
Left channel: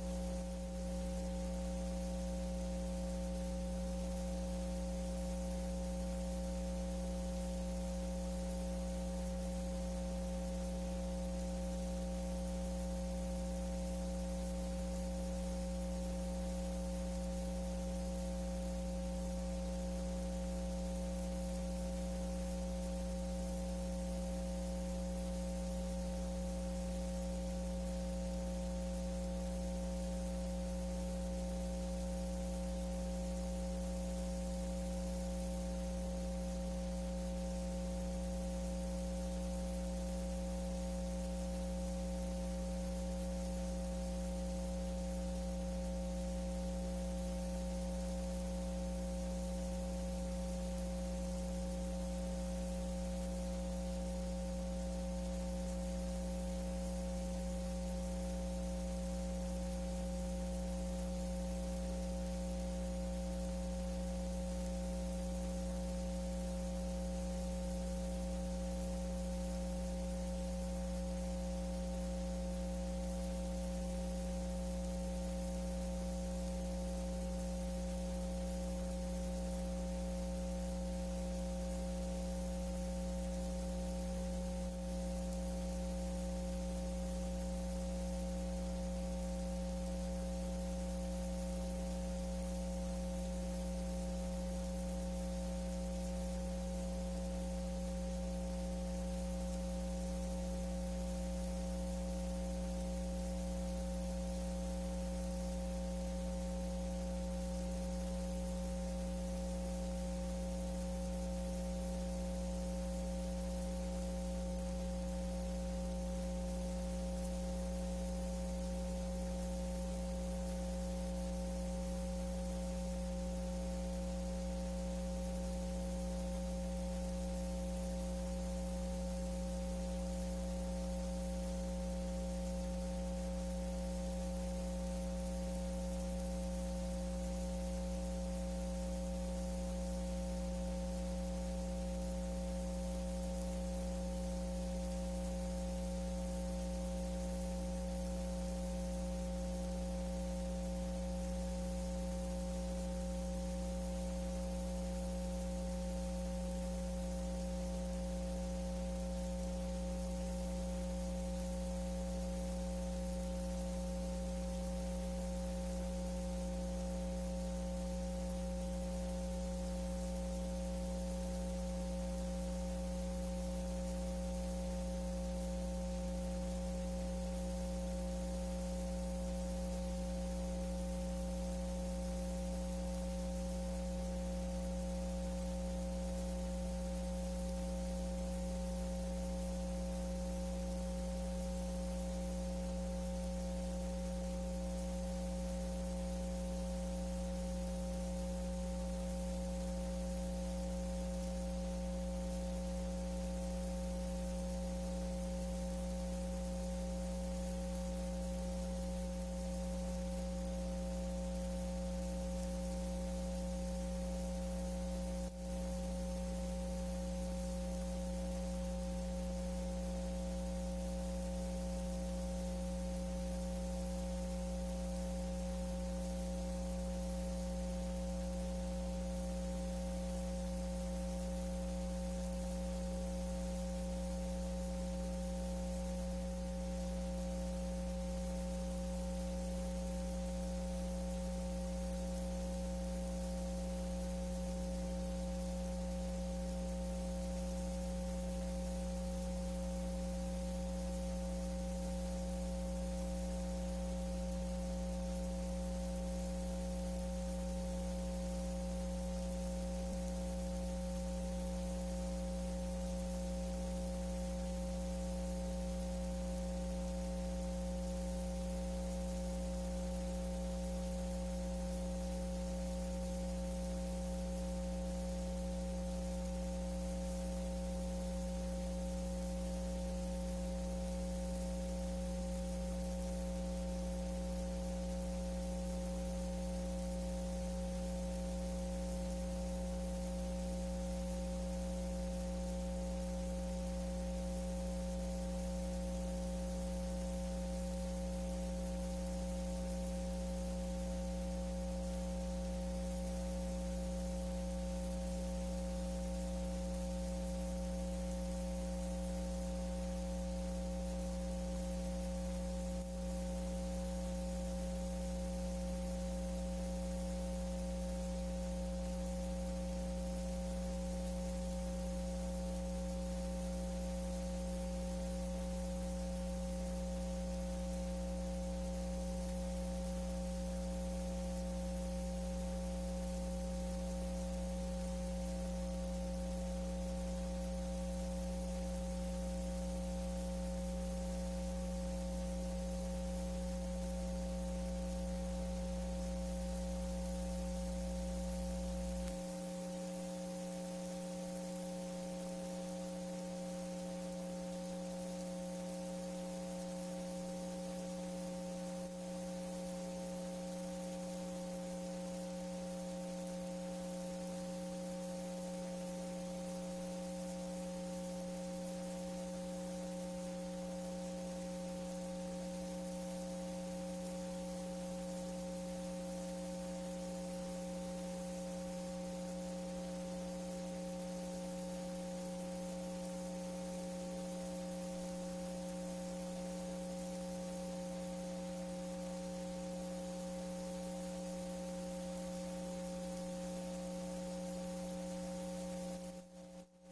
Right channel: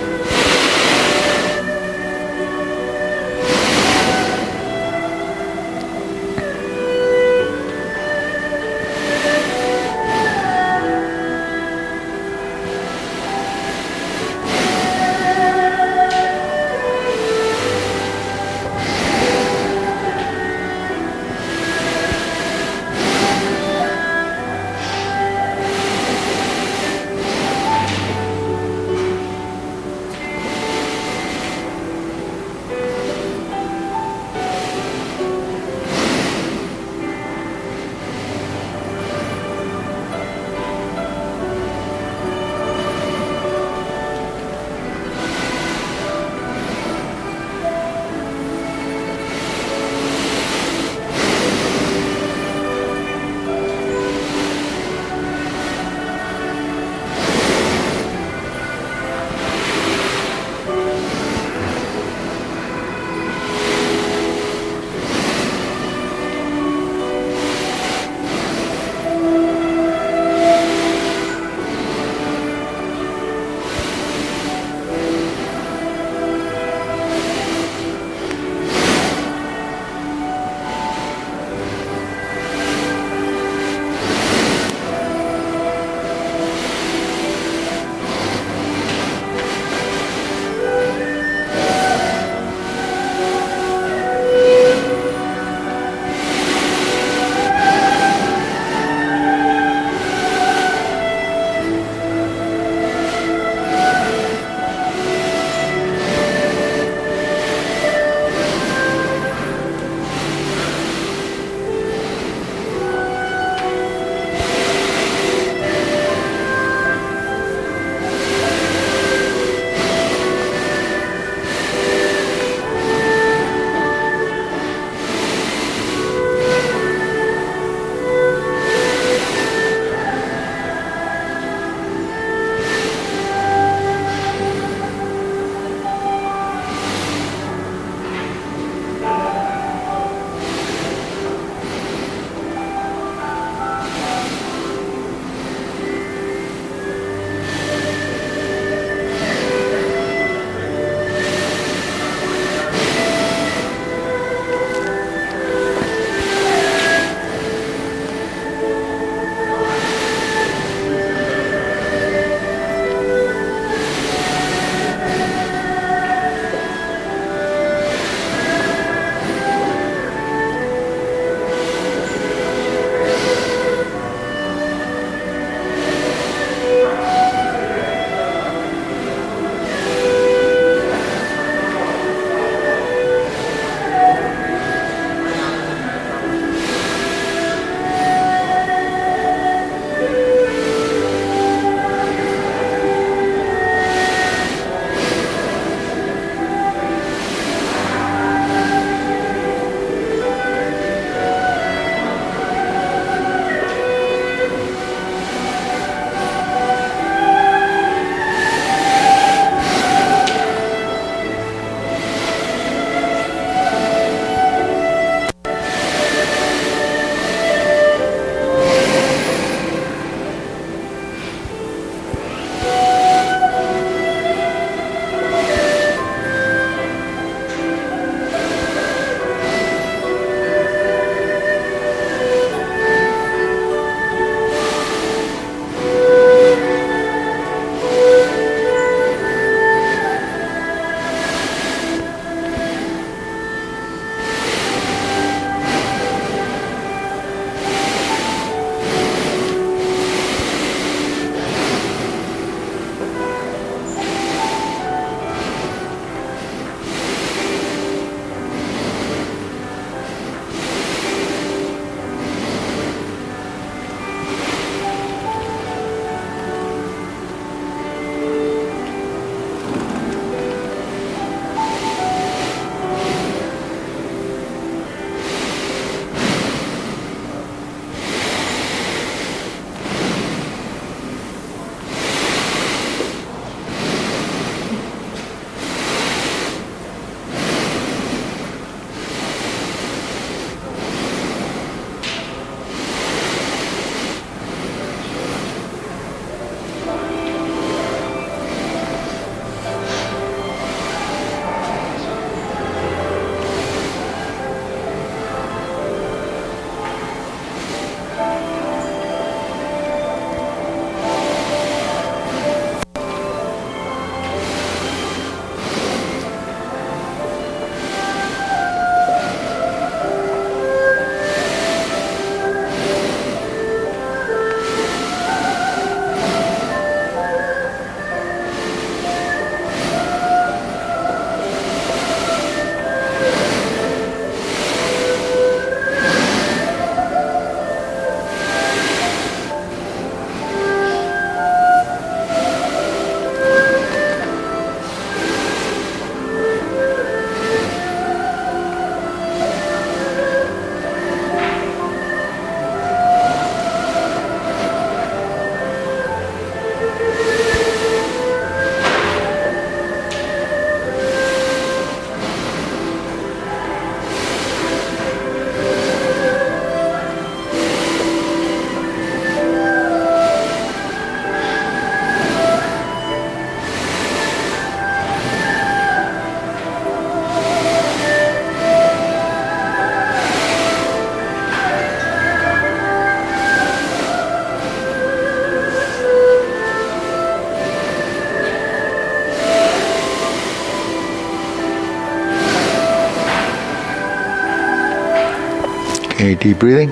Okay, deep breathing.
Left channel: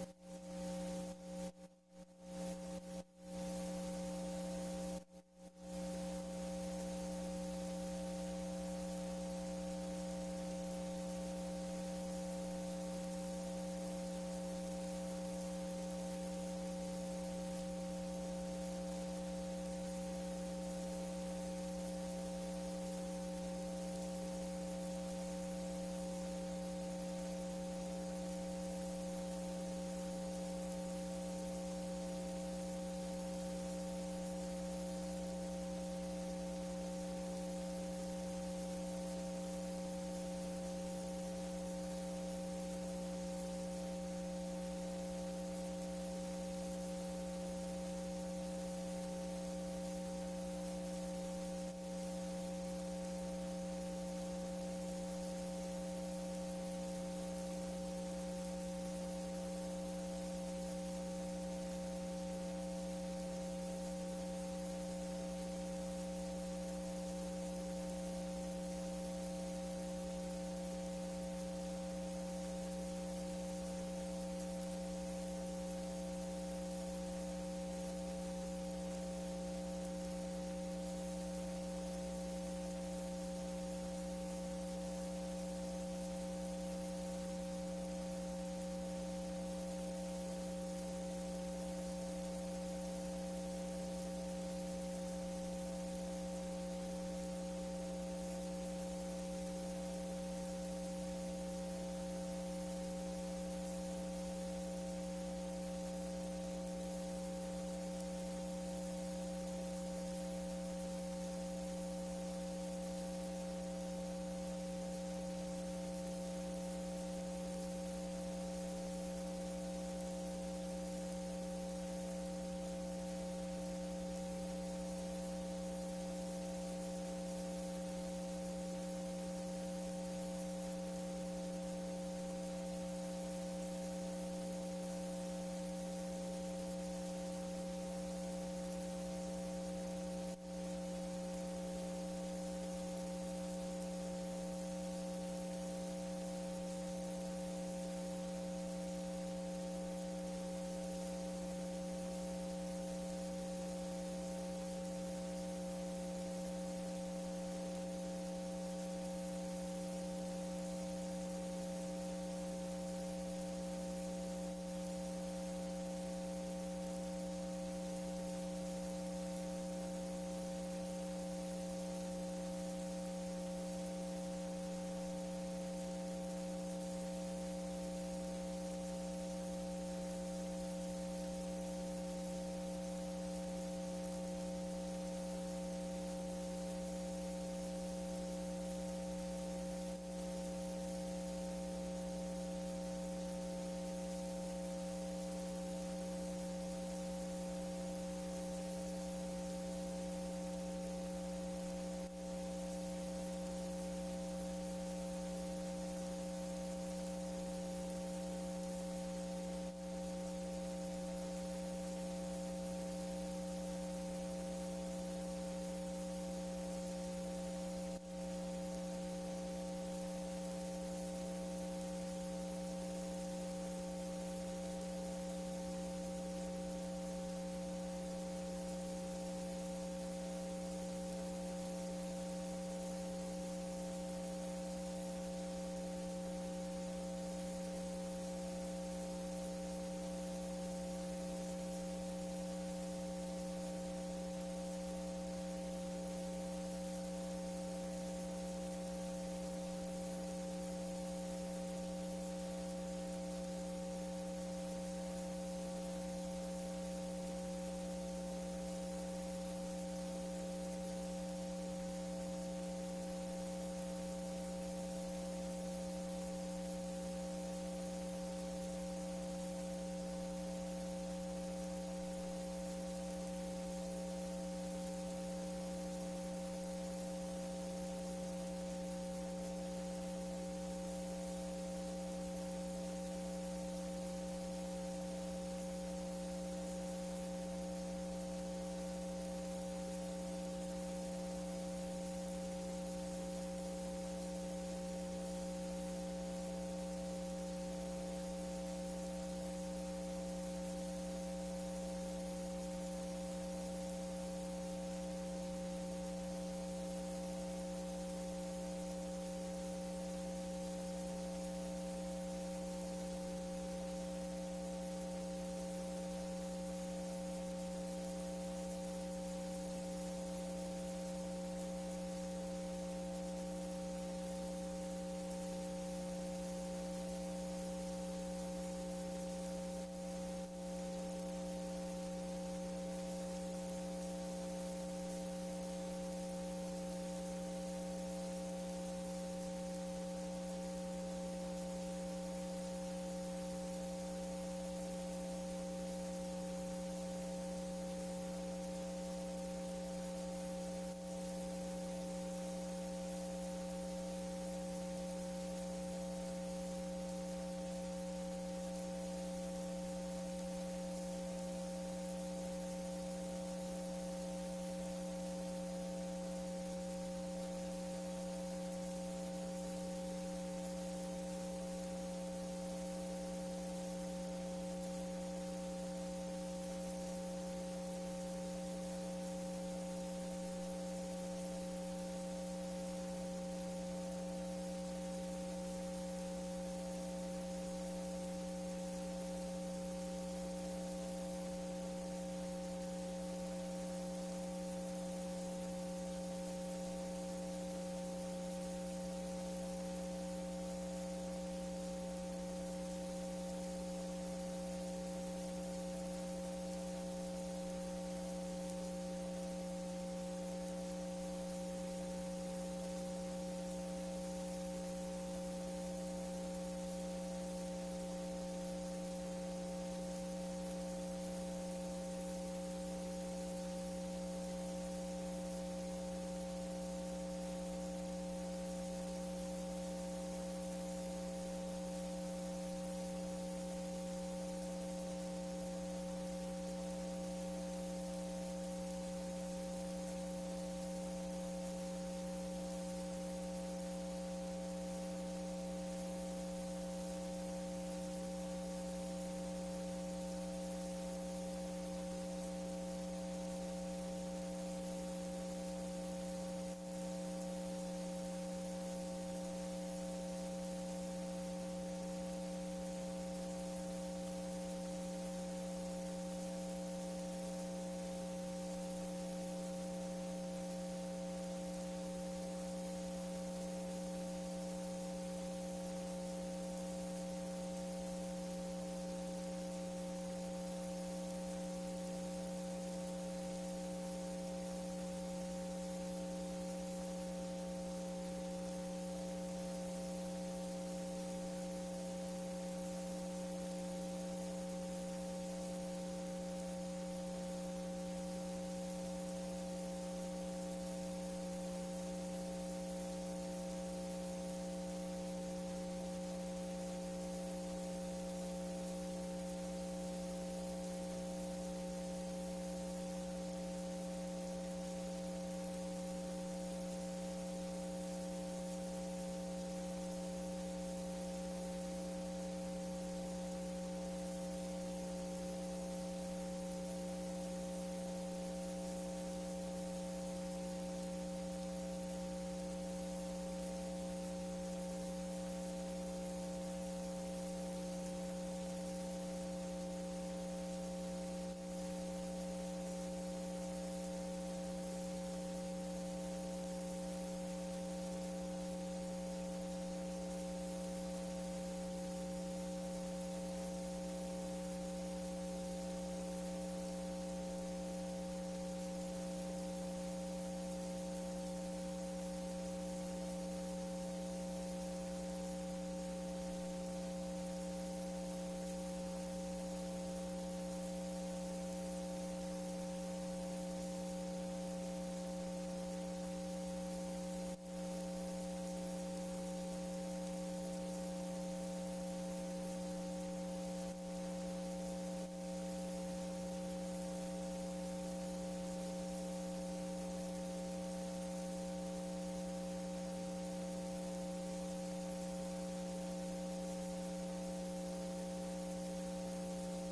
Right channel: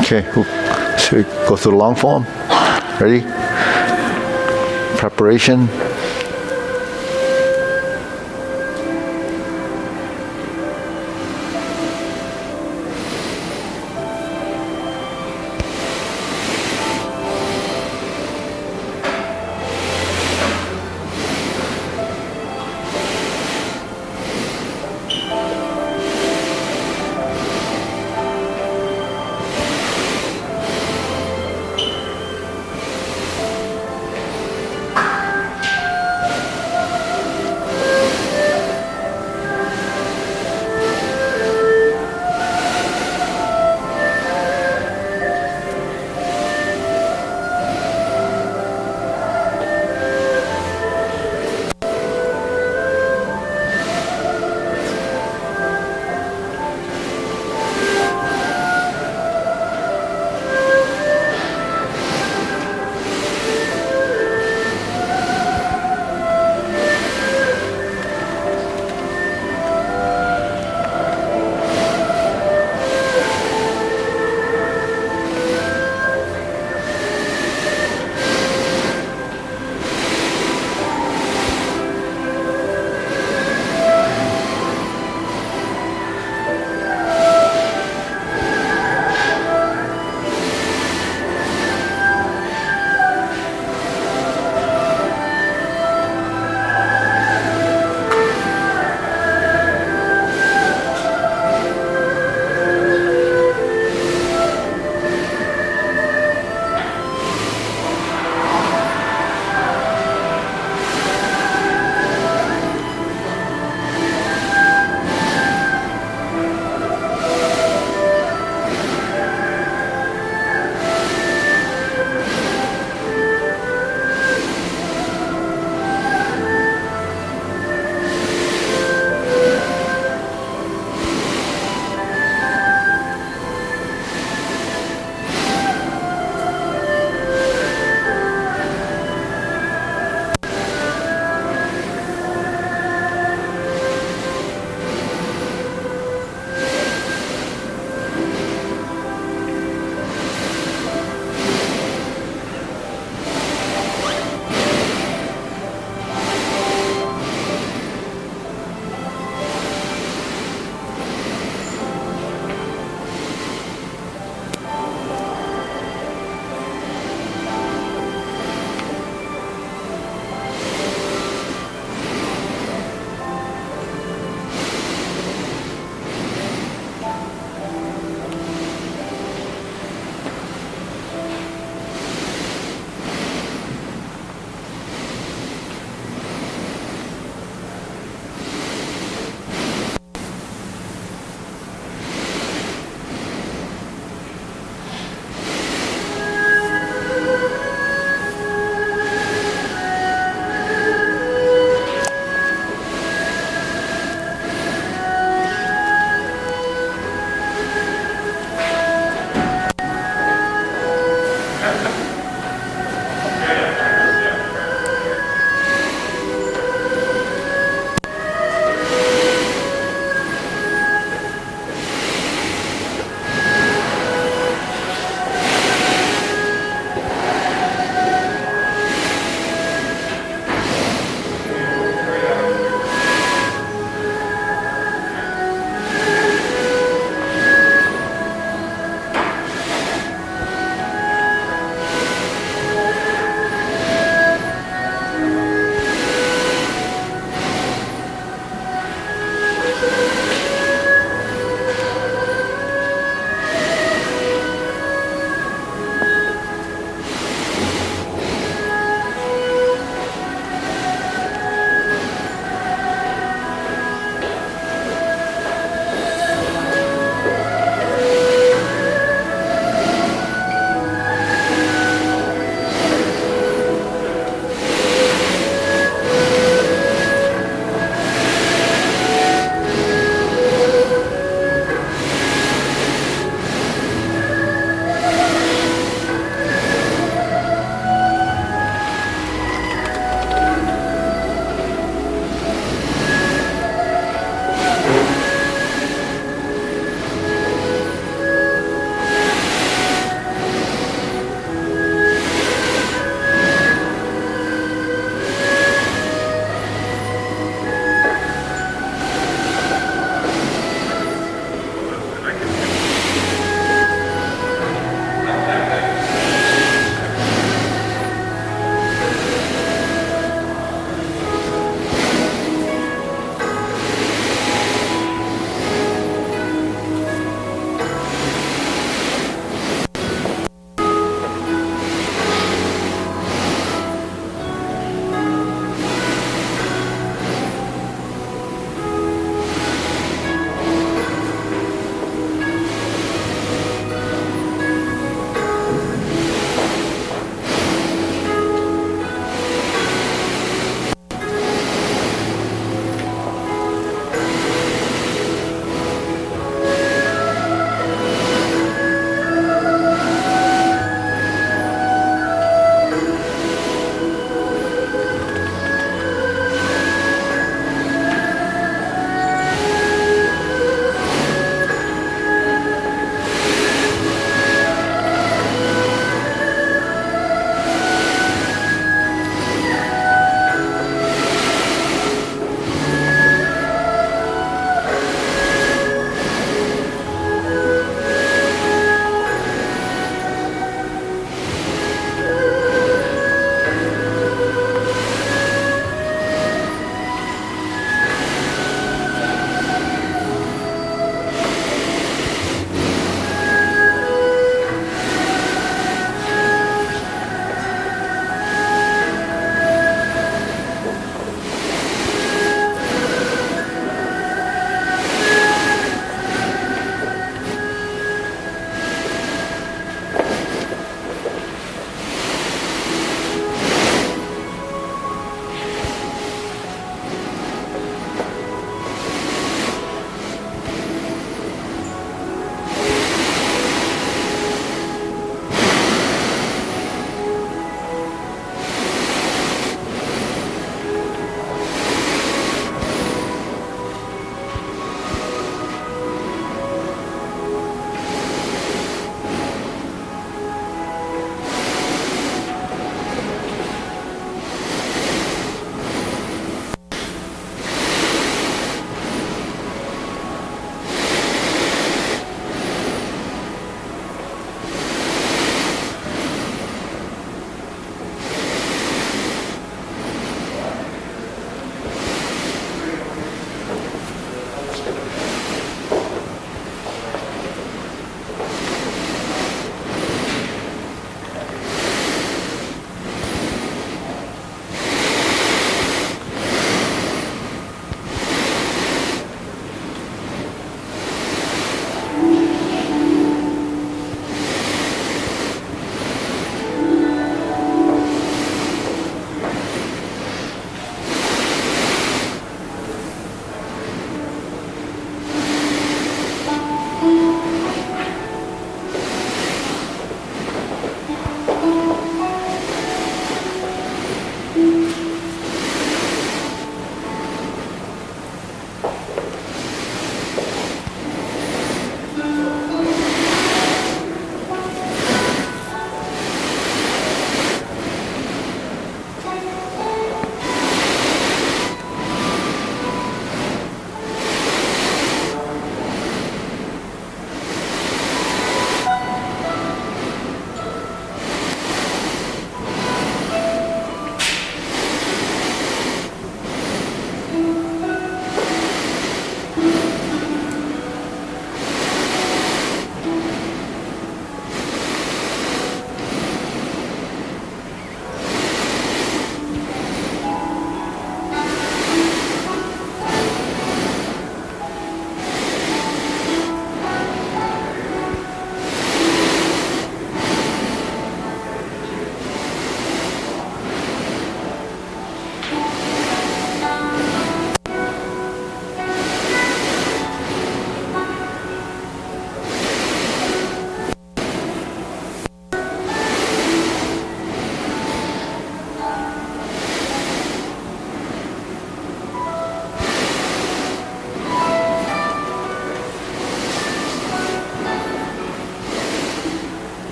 Okay, so we go through the long form. Ready? Preparation.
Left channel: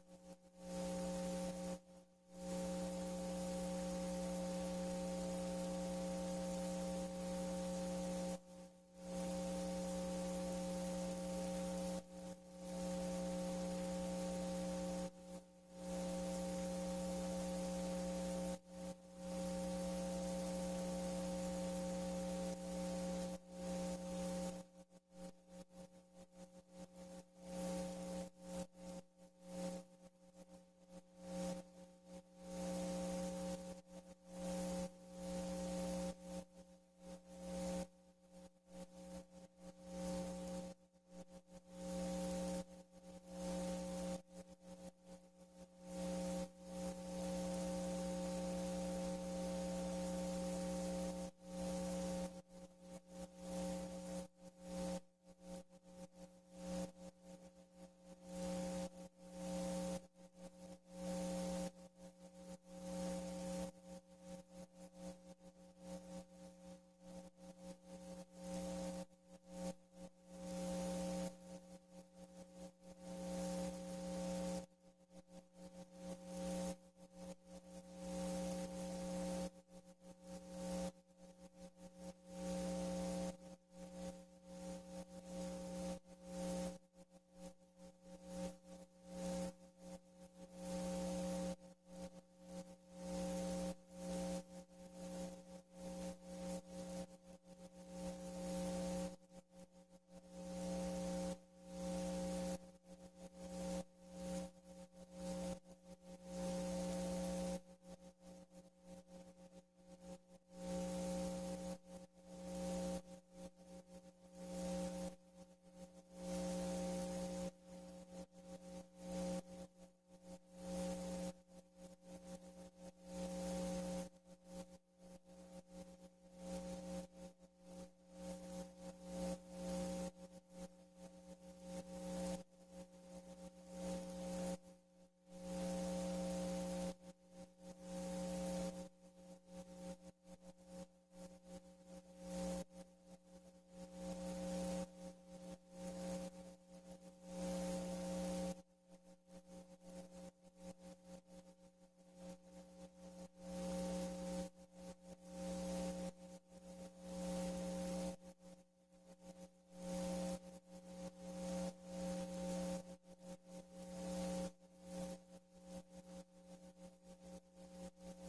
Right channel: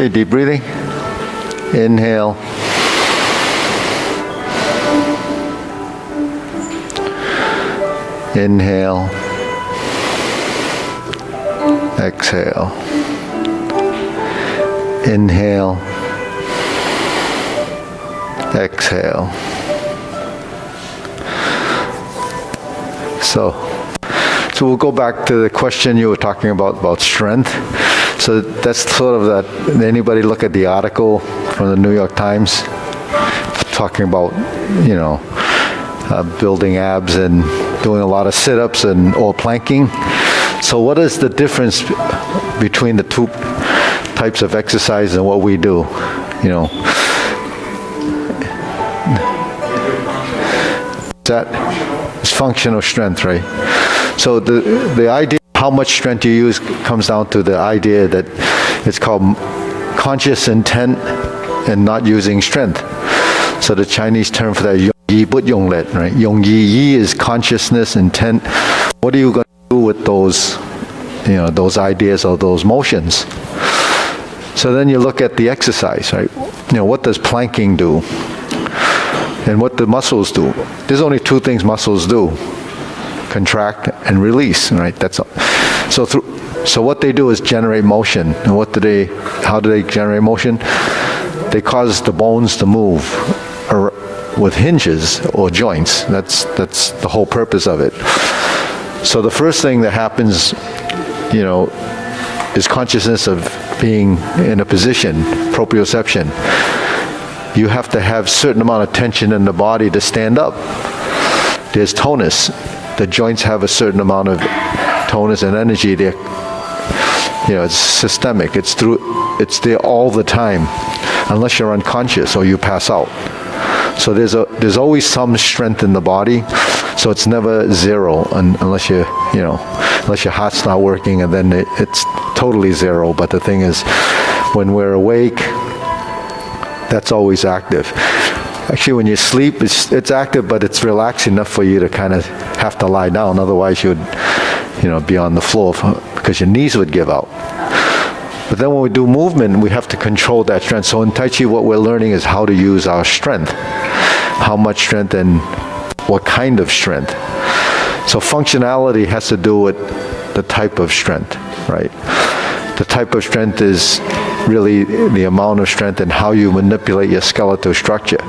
Okay, deep breathing. Inhale. Inhale. Exhale. Inhale. Exhale. So we'll go back to the question you were talking about strength. So that's sort of that. Anybody look at the article from the New York Times talking about, building abs and doing a lot of sit-ups or planking? So what is the difference between the two types of exercise and what we do? It's functional strength, right? So the idea of how much strength you use comes down to the idea that it's called conscious intent and not using strength. So the Chinese term for that, yong yi but yong let, right? Yong yi is consciousness, intent. What are you going to do with those, those ideas or those motions? So then you look at the exercise, right? What does planking do? And what do muscles do? There's only two things muscles do: contract and release, right? That's all. So what they do is generate motion. And how do they generate motion? They cause the bones to move with hinges or joints. That's the whole purpose of it. So the first thing that happens, is consciousness of being in a position, proprioception. You have to have certain amount of tension in the body to stand up. There's tonus. The joints have a certain amount of tonus and energy there. It's systemic. It's there all the time, unless you're unconscious or you pass out. So there's always some strength in the body. So it's never zero unless your heart's not working, and then it's totally zero. But the thing is, when we're awake, that's always active. Actually, when you sleep, it's active, but it's relaxed enough for you to kind of have to lie down. Otherwise, you'd, be on the floor because your knees would give out. But then when we do movement, we have to control that strength. So in Tai Chi, what we're learning is how to use our strength. How much strength and what kind of strength. So functionality has to do with the type of strength, right? The type of strength is really the amount of strength and how you manipulate your skeletal structure.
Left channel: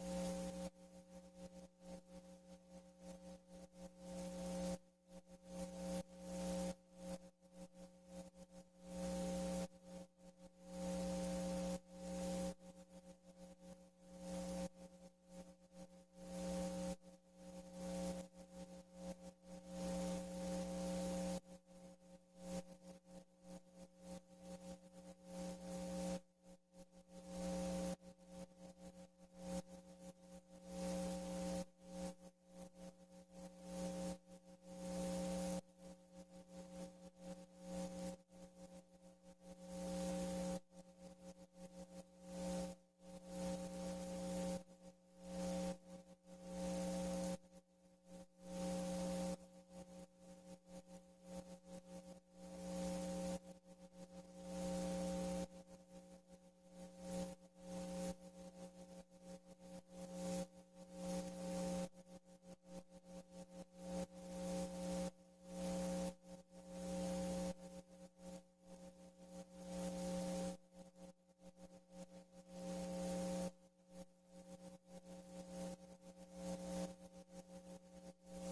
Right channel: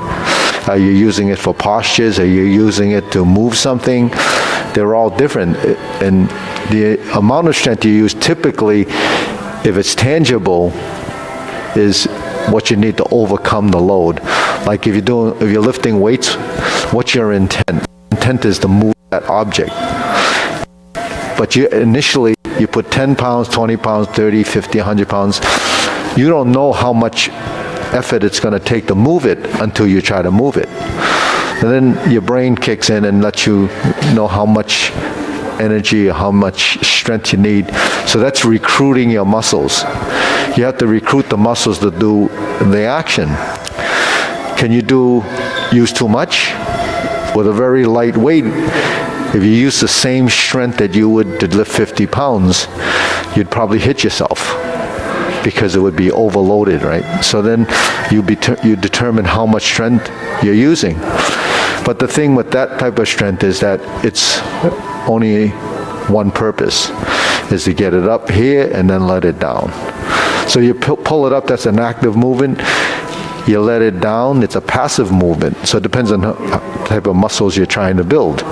Are you using it for postures? Are you using it to move something? They're all different. And the amount of strength you use typically, if it's tangible, is what you need to overcome the load. Like if you're lifting weights, what's your intent? Intent is to move that object. But initially, you put 10 pounds, 20 pounds, 30, 50, 100 pounds. You don't know how much effort it's going to take to move it until you try to move it. And then your brain kicks in and lets you know how much energy, how much strength you need. So that's recruiting your muscles. You have to recruit the muscles to do the action. Can you use too much? With a very light weight, if you use the same strength that you would to lift 50 pounds, you'd probably hit yourself because it would be overloaded, right? So then you determine how much strength you're using. But the thing with that type of strength is that it's only one purpose, is to get it up here and then let it down. So you pull it up, that's an active movement. You let it down, it's a passive movement. So it depends on the type of muscles you're trying to build.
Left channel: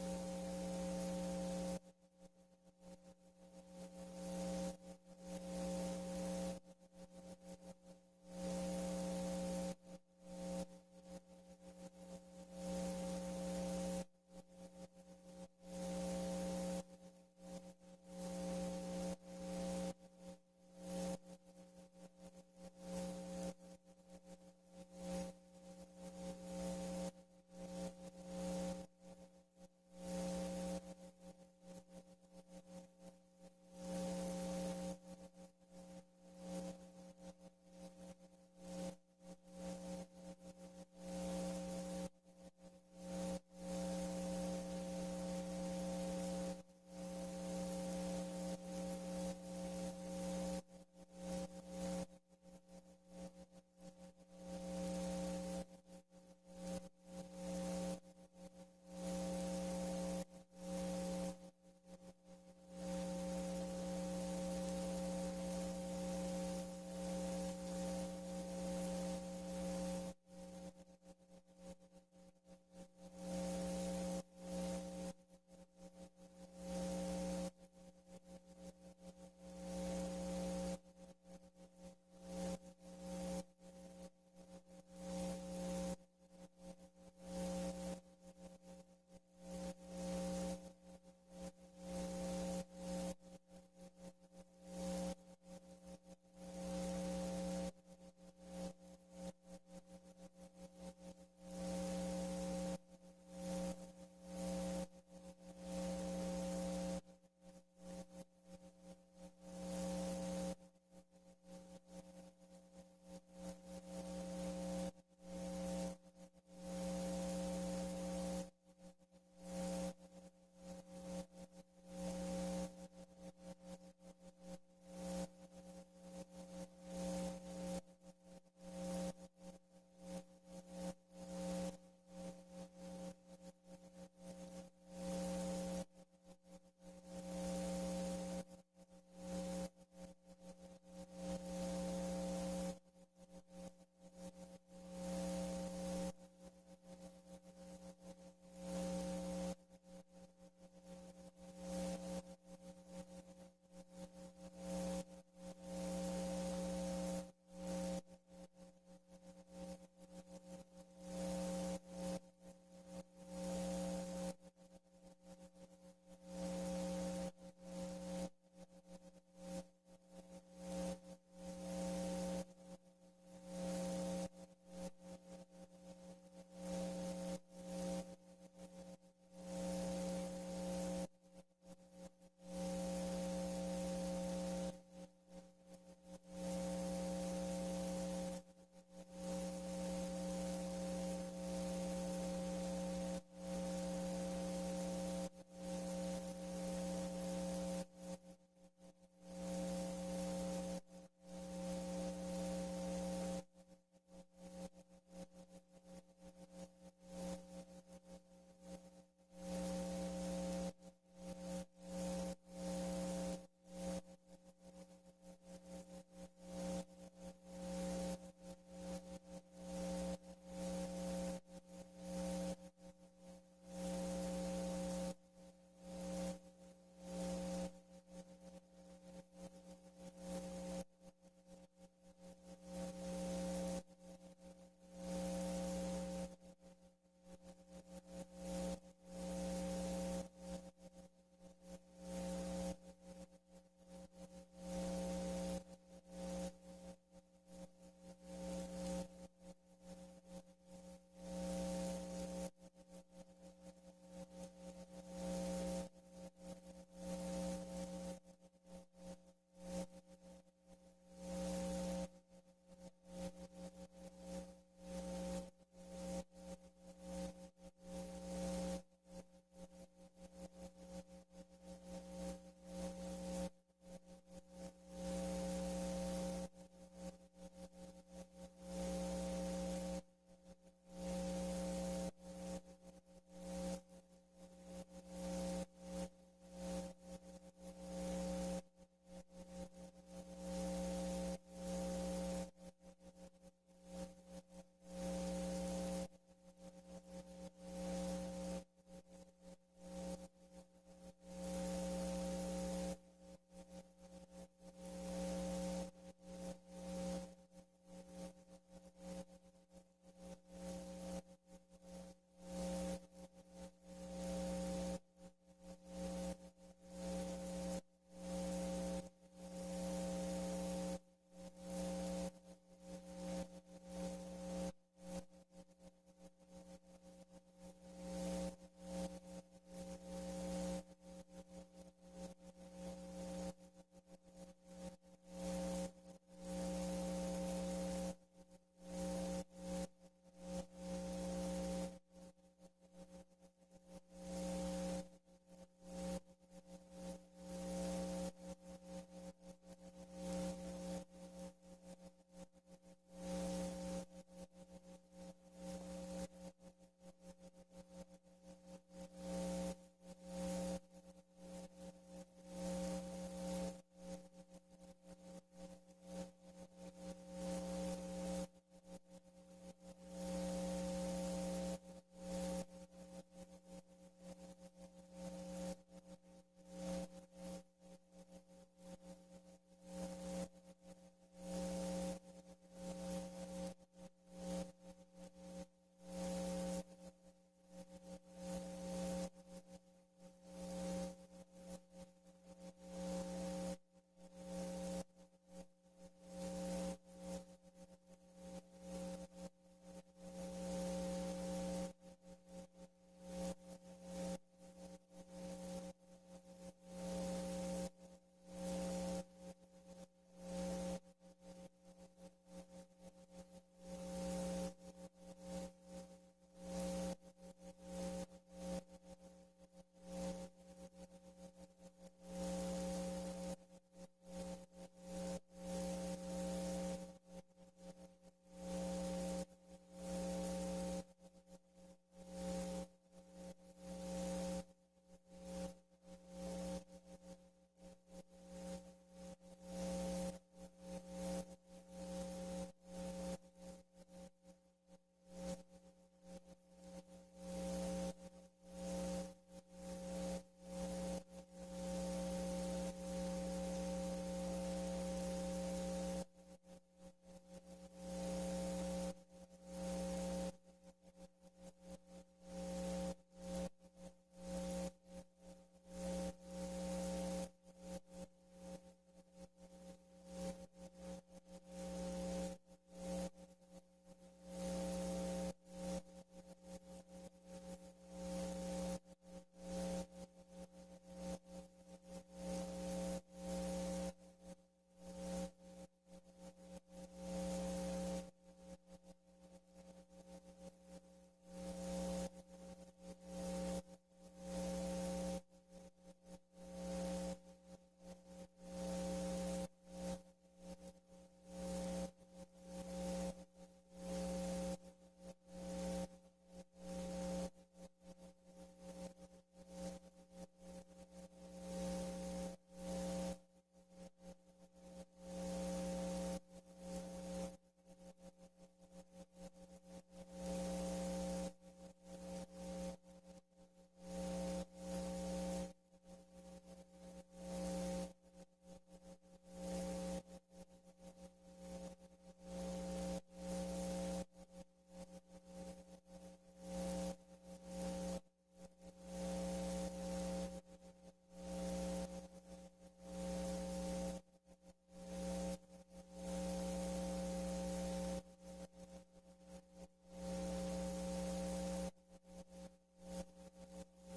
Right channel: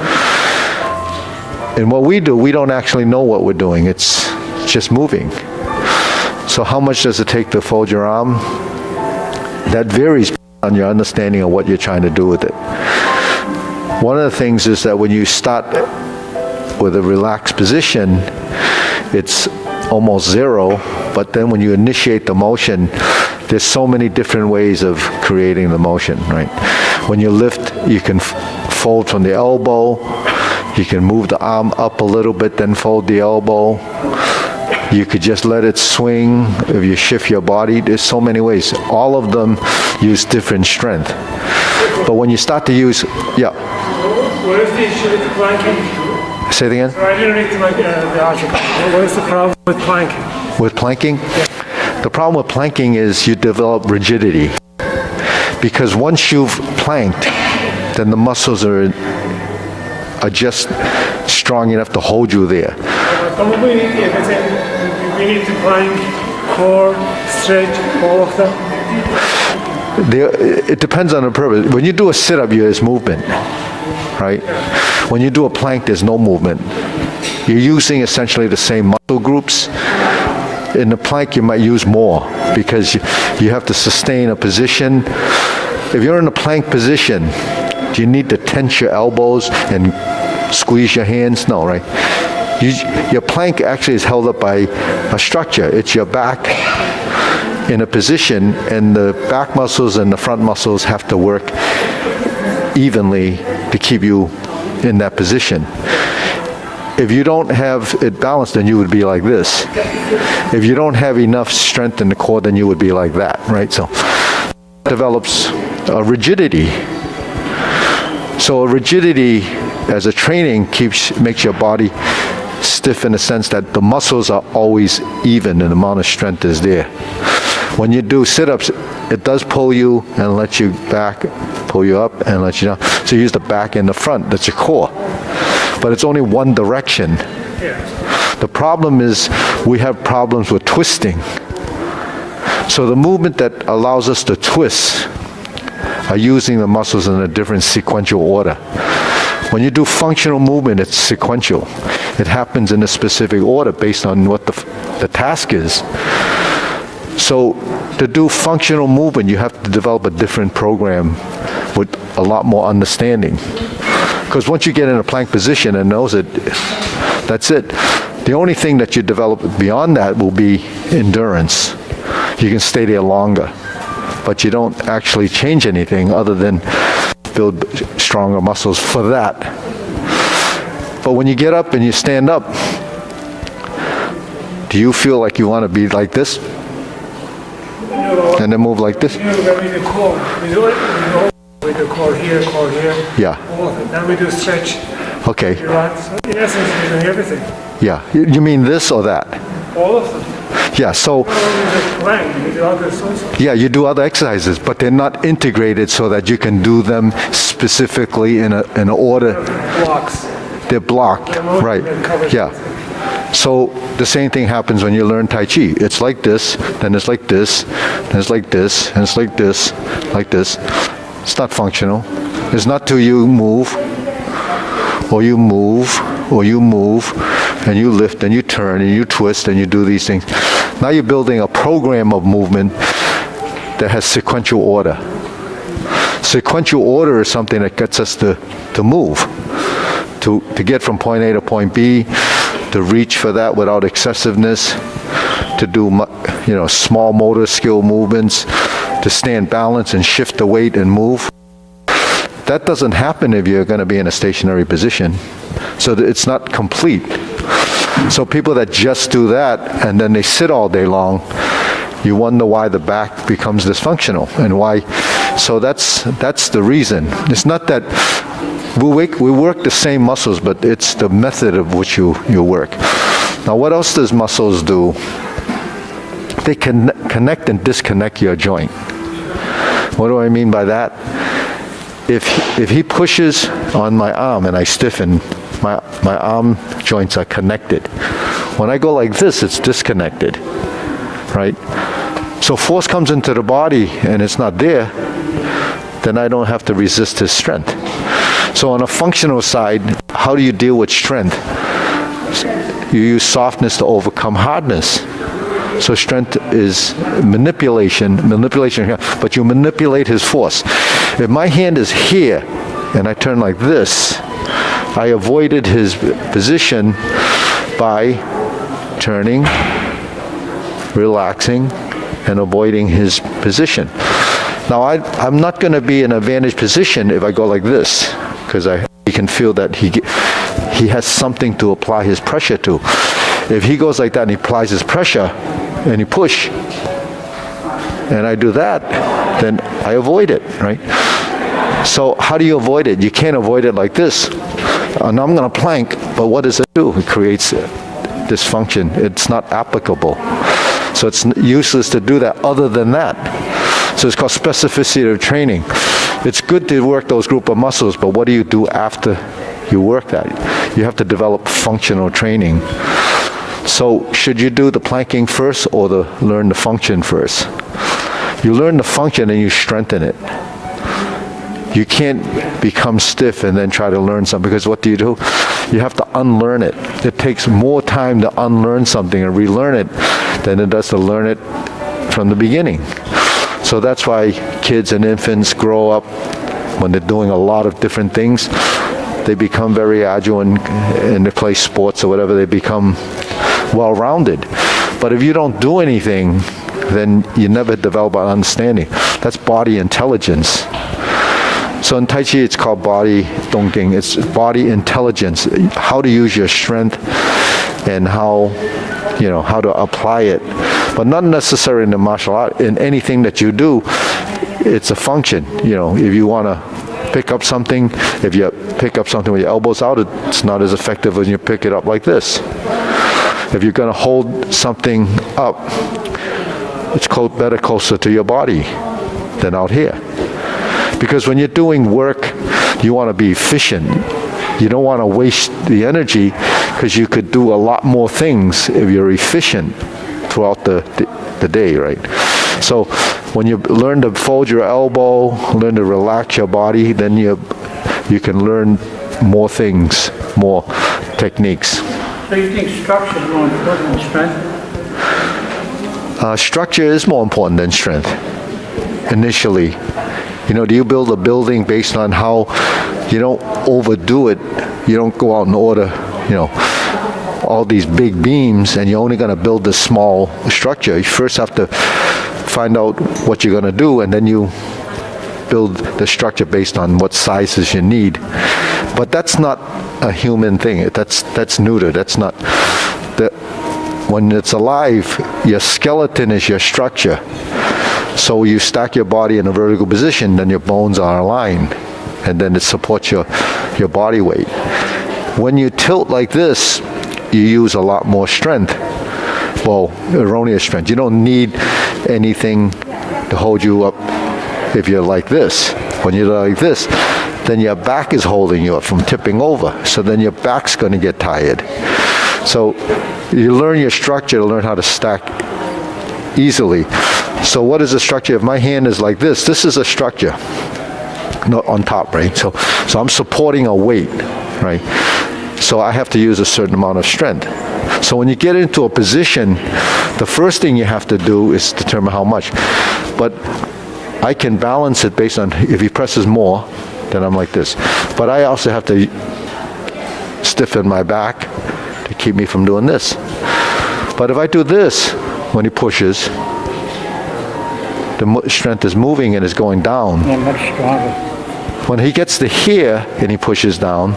And what we do, we don't actually know what we're doing. It's just moving. So how much does it take to fold your arm? That varies on your understanding of what you're trying to do with it. One of the things is that when you start with a relaxed position, it's almost zero, but then when you initiate the motion, there's so many different ways of creating the motion, right? When you lift, you can fold from the elbow, you can move the arm up a little bit, then fold the elbow. You could just let it swing. If you shift your body, there's so many ways. All of them use different strength. But when you start to use, yeah. What is the issue with planking? Say it again? Right underneath the arch. What is the problem with planking? With planking? Yeah. The problem with planking is you develop rigidity. Because once you've planked, then the muscles are just strong enough to hold you there. Probably, if I say we need to plank, core, stretch, all of them. It depends on the purpose. When you do a sit-up, there's movement, right? When you do a plank, there's no movement. You're using essentially the same muscle groups. In the plank, you might use more because you have to sustain a position. If you're in a plank position, do you need to tense your elbows and squeeze your hands? No, right? Your plank actually is held up by a structure. It's your back in a position, and the back muscles and the front muscles have to work evenly to keep you in that position. If you don't have it balanced, then you would be like this. If you don't have enough strength in the core, then you would be like that, right? So it develops a rigidity. So a rigidity as a training makes your body stiff in the sense that the muscles are always even and the amount of strength is there. When you do sit-ups, it does pull you and let you back, pull you up and let you down. So you use the back and the front, that's your core. But it's only one direction. The problem is we have problems with twisting. So the movement that allows us to twist are using the muscles in a different sequential order. When you do functional movement, it's sequential. It happens in a specific order based on what the task is. So to do functional movement, you have to develop a different program with a lot more understanding. Because once you get in a plank position and knows it, that's it. The only thing that you develop beyond that will be endurance. You can stay there longer, but you don't actually change anything other than build stronger muscles for that. But when you get up and you stand up, do you feel like you want to be like this? And then move like this? With the core, we do it with the core here, Yeah. all of it. Then we do stretch, Okay. relax. So in essence, we're doing everything. Yeah. You mean this or that? All of them. Yeah. So, Not only just plank, we do others also. yeah, you do other exercises, but they're not integrated so that you can do them specifically in an order. Blocks. They're blocked, right? Yeah. So the same thing happens when you learn Tai Chi. It's like this, then it's like this, then it's like this, and it's like this, like this. It's not functional. It's not till you move, or you move, or you move, and you lift, and you turn, and you twist, and you do these things. Now you're building a program of movement that has sequential order. Sequential order is something that gets us to move, to get from point A to point B, to reach for that without excessiveness, to do small motor skill movements, to stand balance and shift the weight and move. That doesn't happen if you're going to be in a stationary position. So it's not complete. So people that just do that and then they sit all day long, you wonder why the back becomes dysfunctional and why. So that's the reason. It's not that we work the same muscles, but it's the method of which you work. Now, what else does muscles do? They can connect and disconnect your joint. What do I mean by that? If he pushes on my arm and I stiffen, my arm joints are connected. When I go like this, it's disconnected, right? So force comes into the body and it's not there, then I don't have to resist his strength. So on a functional side, how do you deal with strength? You use softness to overcome hardness. So strength is manipulation, but you manipulate his force. If my hand is here and I turn like this, I avoided his position by turning, relaxing, and avoiding his position. Now, I'm not going to be in an advantage position if I go like this, because he can feel that he has something to apply his pressure to. If he goes like that and he applies his pressure and he push, and I do that, then I avoid it, right? So how do you avoid it? You can't avoid it like this. And I'm going to plank, but what does it do? It creates dysfunction. It's not applicable. So it's useless to do that other than that. So it's called specificity of training. It's good to work those group of muscles, but what do you do after you work that? You have to develop functional training. So should you do the planking first or learn the function first? You learn the function and you strengthen it. You can't become stiff and then try to learn something, because what do? You have to unlearn it. It takes more time to unlearn something and relearn it than it does to learn it from the beginning. So that's why kids and infants grow up, when they're doing a lot of different things, they become very agile and they play sports or whatever, they become well-rounded. But if you don't do anything, then you never develop an understanding. That's body intelligence. So in Tai Chi, it's called body dongjing. It's body intelligence, how to use your strength and how to apply it. But not necessarily in the martial art. In anything that you do, it's a function. If you want to pick up something, if you pick up something with your elbows out, it's not as effective when you pick it up like this. If you're going to hold something up, it's better closer to your body than out here. Because when you're doing work, you want to be efficient. You don't want to waste the energy, because you could do a lot more things if you're efficient throughout the day, right? So when you learn to fold your elbow, learn to relax your body, then you can learn more things, more techniques. So you think structure is more important than strength? Structure is more important than strength, initially. Do you build a building based on how you don't overdo it? You don't go out and order, all these big beams, and you're only going to build this small structure. You first have to find out what you're going to do, and then you build the structure based on what sizes you need. But that's not a human thing. That's neuter. That's not. When it's alive, your skeleton is your structure. So you stack your body in a vertical position, then your bones are aligned, and then it supports your body weight. When you tilt like this, you use a lot more strength. Well, erroneous strength. You don't need anything to hold you up if you're like this. When you're like this, then your back is holding you up from tipping over. So then your back's going to get tired. So you learn your structure to learn how to stack easily. So what is the structure? If my hand is like this is a structure, not on top, right? So I'm supporting a weight, right? So I have to use a certain amount of strength. So when you get into a position, the first thing you have to do is determine how much. But I can balance it based on, if he presses more, then I'm like this. But I also have to stiffen my back to keep me from doing this. But if I do this, when he pushes, the strength is moving and is going down. Yeah, much stronger. When he gets to here and he pushes down,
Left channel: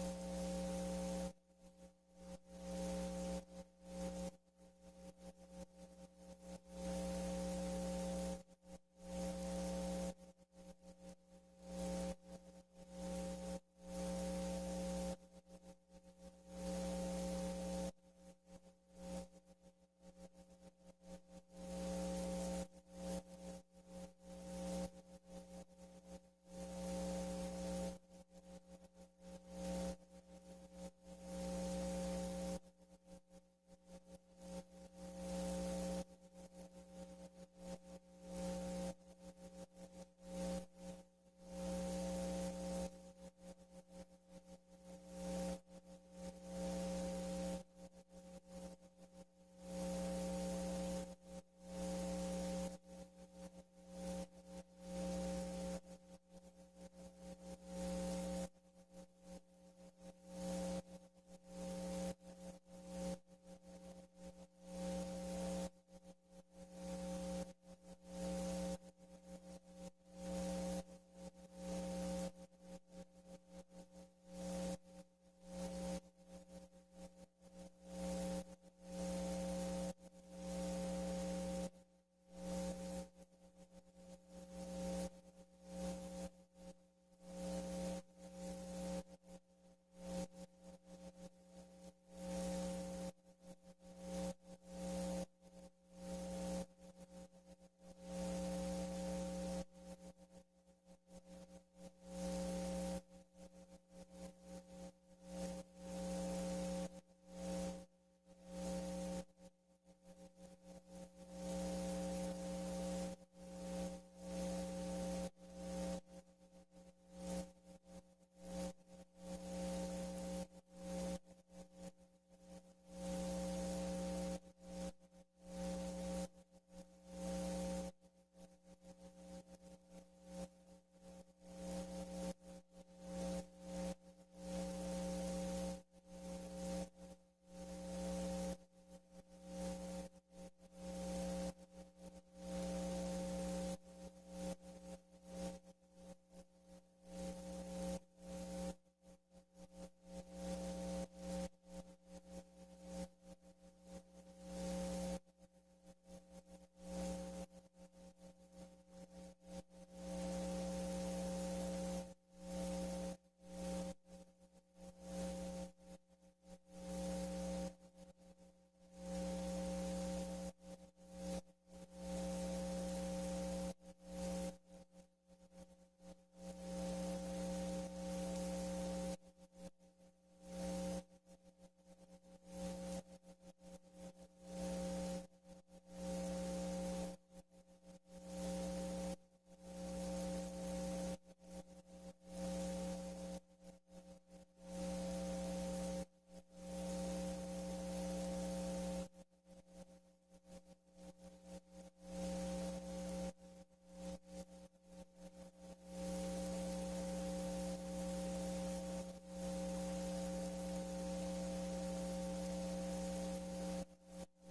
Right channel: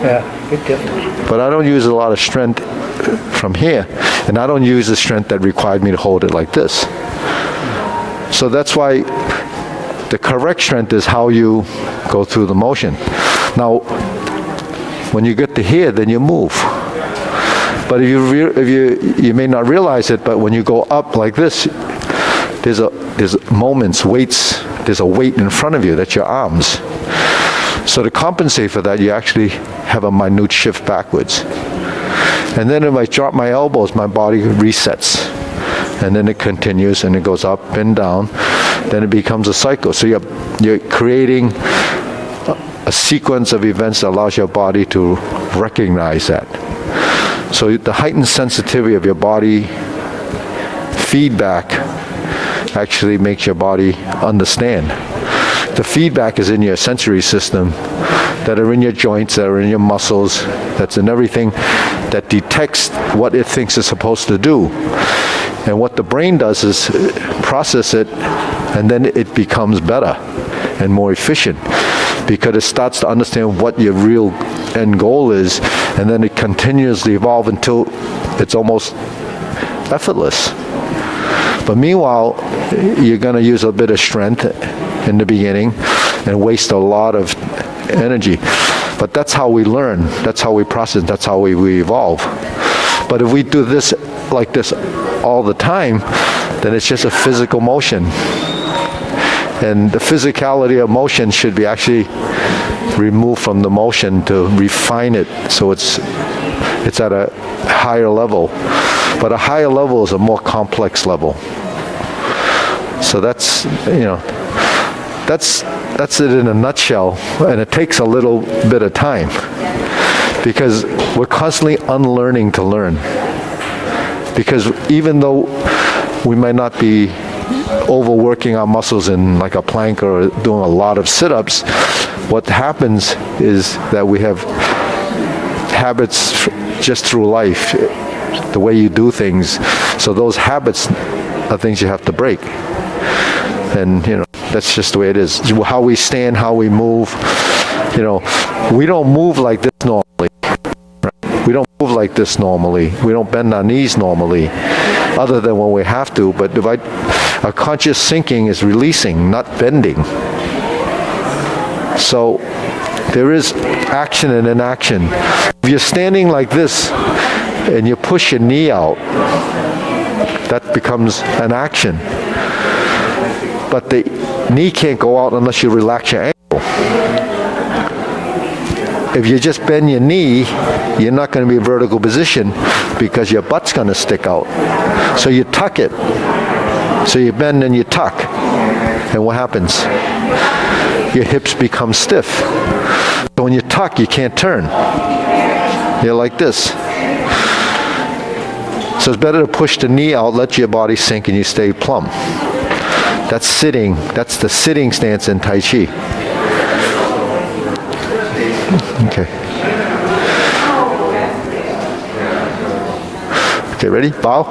Yeah, big difference. but I don't use a lot of strength from here, and I don't use the strength that required me to hold it like this. So that's why the correct strength is how you go through the motion. Now, when you get to here, then you move. But if you may not realize it, but when you go up like this, there's moments, weights, there's a weight in front of you, that's your arms. So to compensate for that, you actually have a minute shift backwards. And then if I drop my elbows, my body resets. And then it continues and it goes up and down. Then it becomes a cycle. So you're creating a sequence of events that allows your body to recognize that. So the heightened sensitivity of your body feedback actually makes your body understand. The feedback is in your sensory system, that are in your joints, that are in your muscles, that's in everything that detects what it thinks it's supposed to do. And what the brain does is process it, and then it becomes better and more efficient, because it starts to understand what your real end goal is, and then it continuously evolves until it's almost effortless. But meanwhile, you're going to use a bit of strength in the beginning and waste a lot of energy. But that's how we learn, that's how we process, that's how we evolve. But if we do this like this all the time, then it's just a physical motion. And the physicality of motion should be actually removed from the motion to refine it so it's at a higher level. But a higher level is a more complex level. So that's it in a nutshell, and it takes a little bit of time because we're constantly unlearning to learn. Because even though we might not be overworking our muscles in like a plank or doing a lot of sit-ups, what happens is that we have habits just through life, the way you do things. So those habits are things you have to break. And, that's just the way it is. How we stand, how we move. We don't move like this normally. Right? We don't move like this normally. We don't bend our knees normally, other than when we have to. But a conscious sinking is releasing, not bending. So there is action and inaction. If you're standing like this and you push your knee out, that becomes an action. But the knee can't go out unless you relax your ankle. If you just bend your knee, you're not going to be in vertical position because your butt's going to stick out. So you tuck it. So you bend and you tuck. And what happens? Your hips become stiff. So when you tuck, you can't turn. You're like this. So it's better to push the knee out, let your body sink, and you stay plumb. That's sitting. That's the sitting stance in Tai Chi. Okay. Okay, ready? Bow.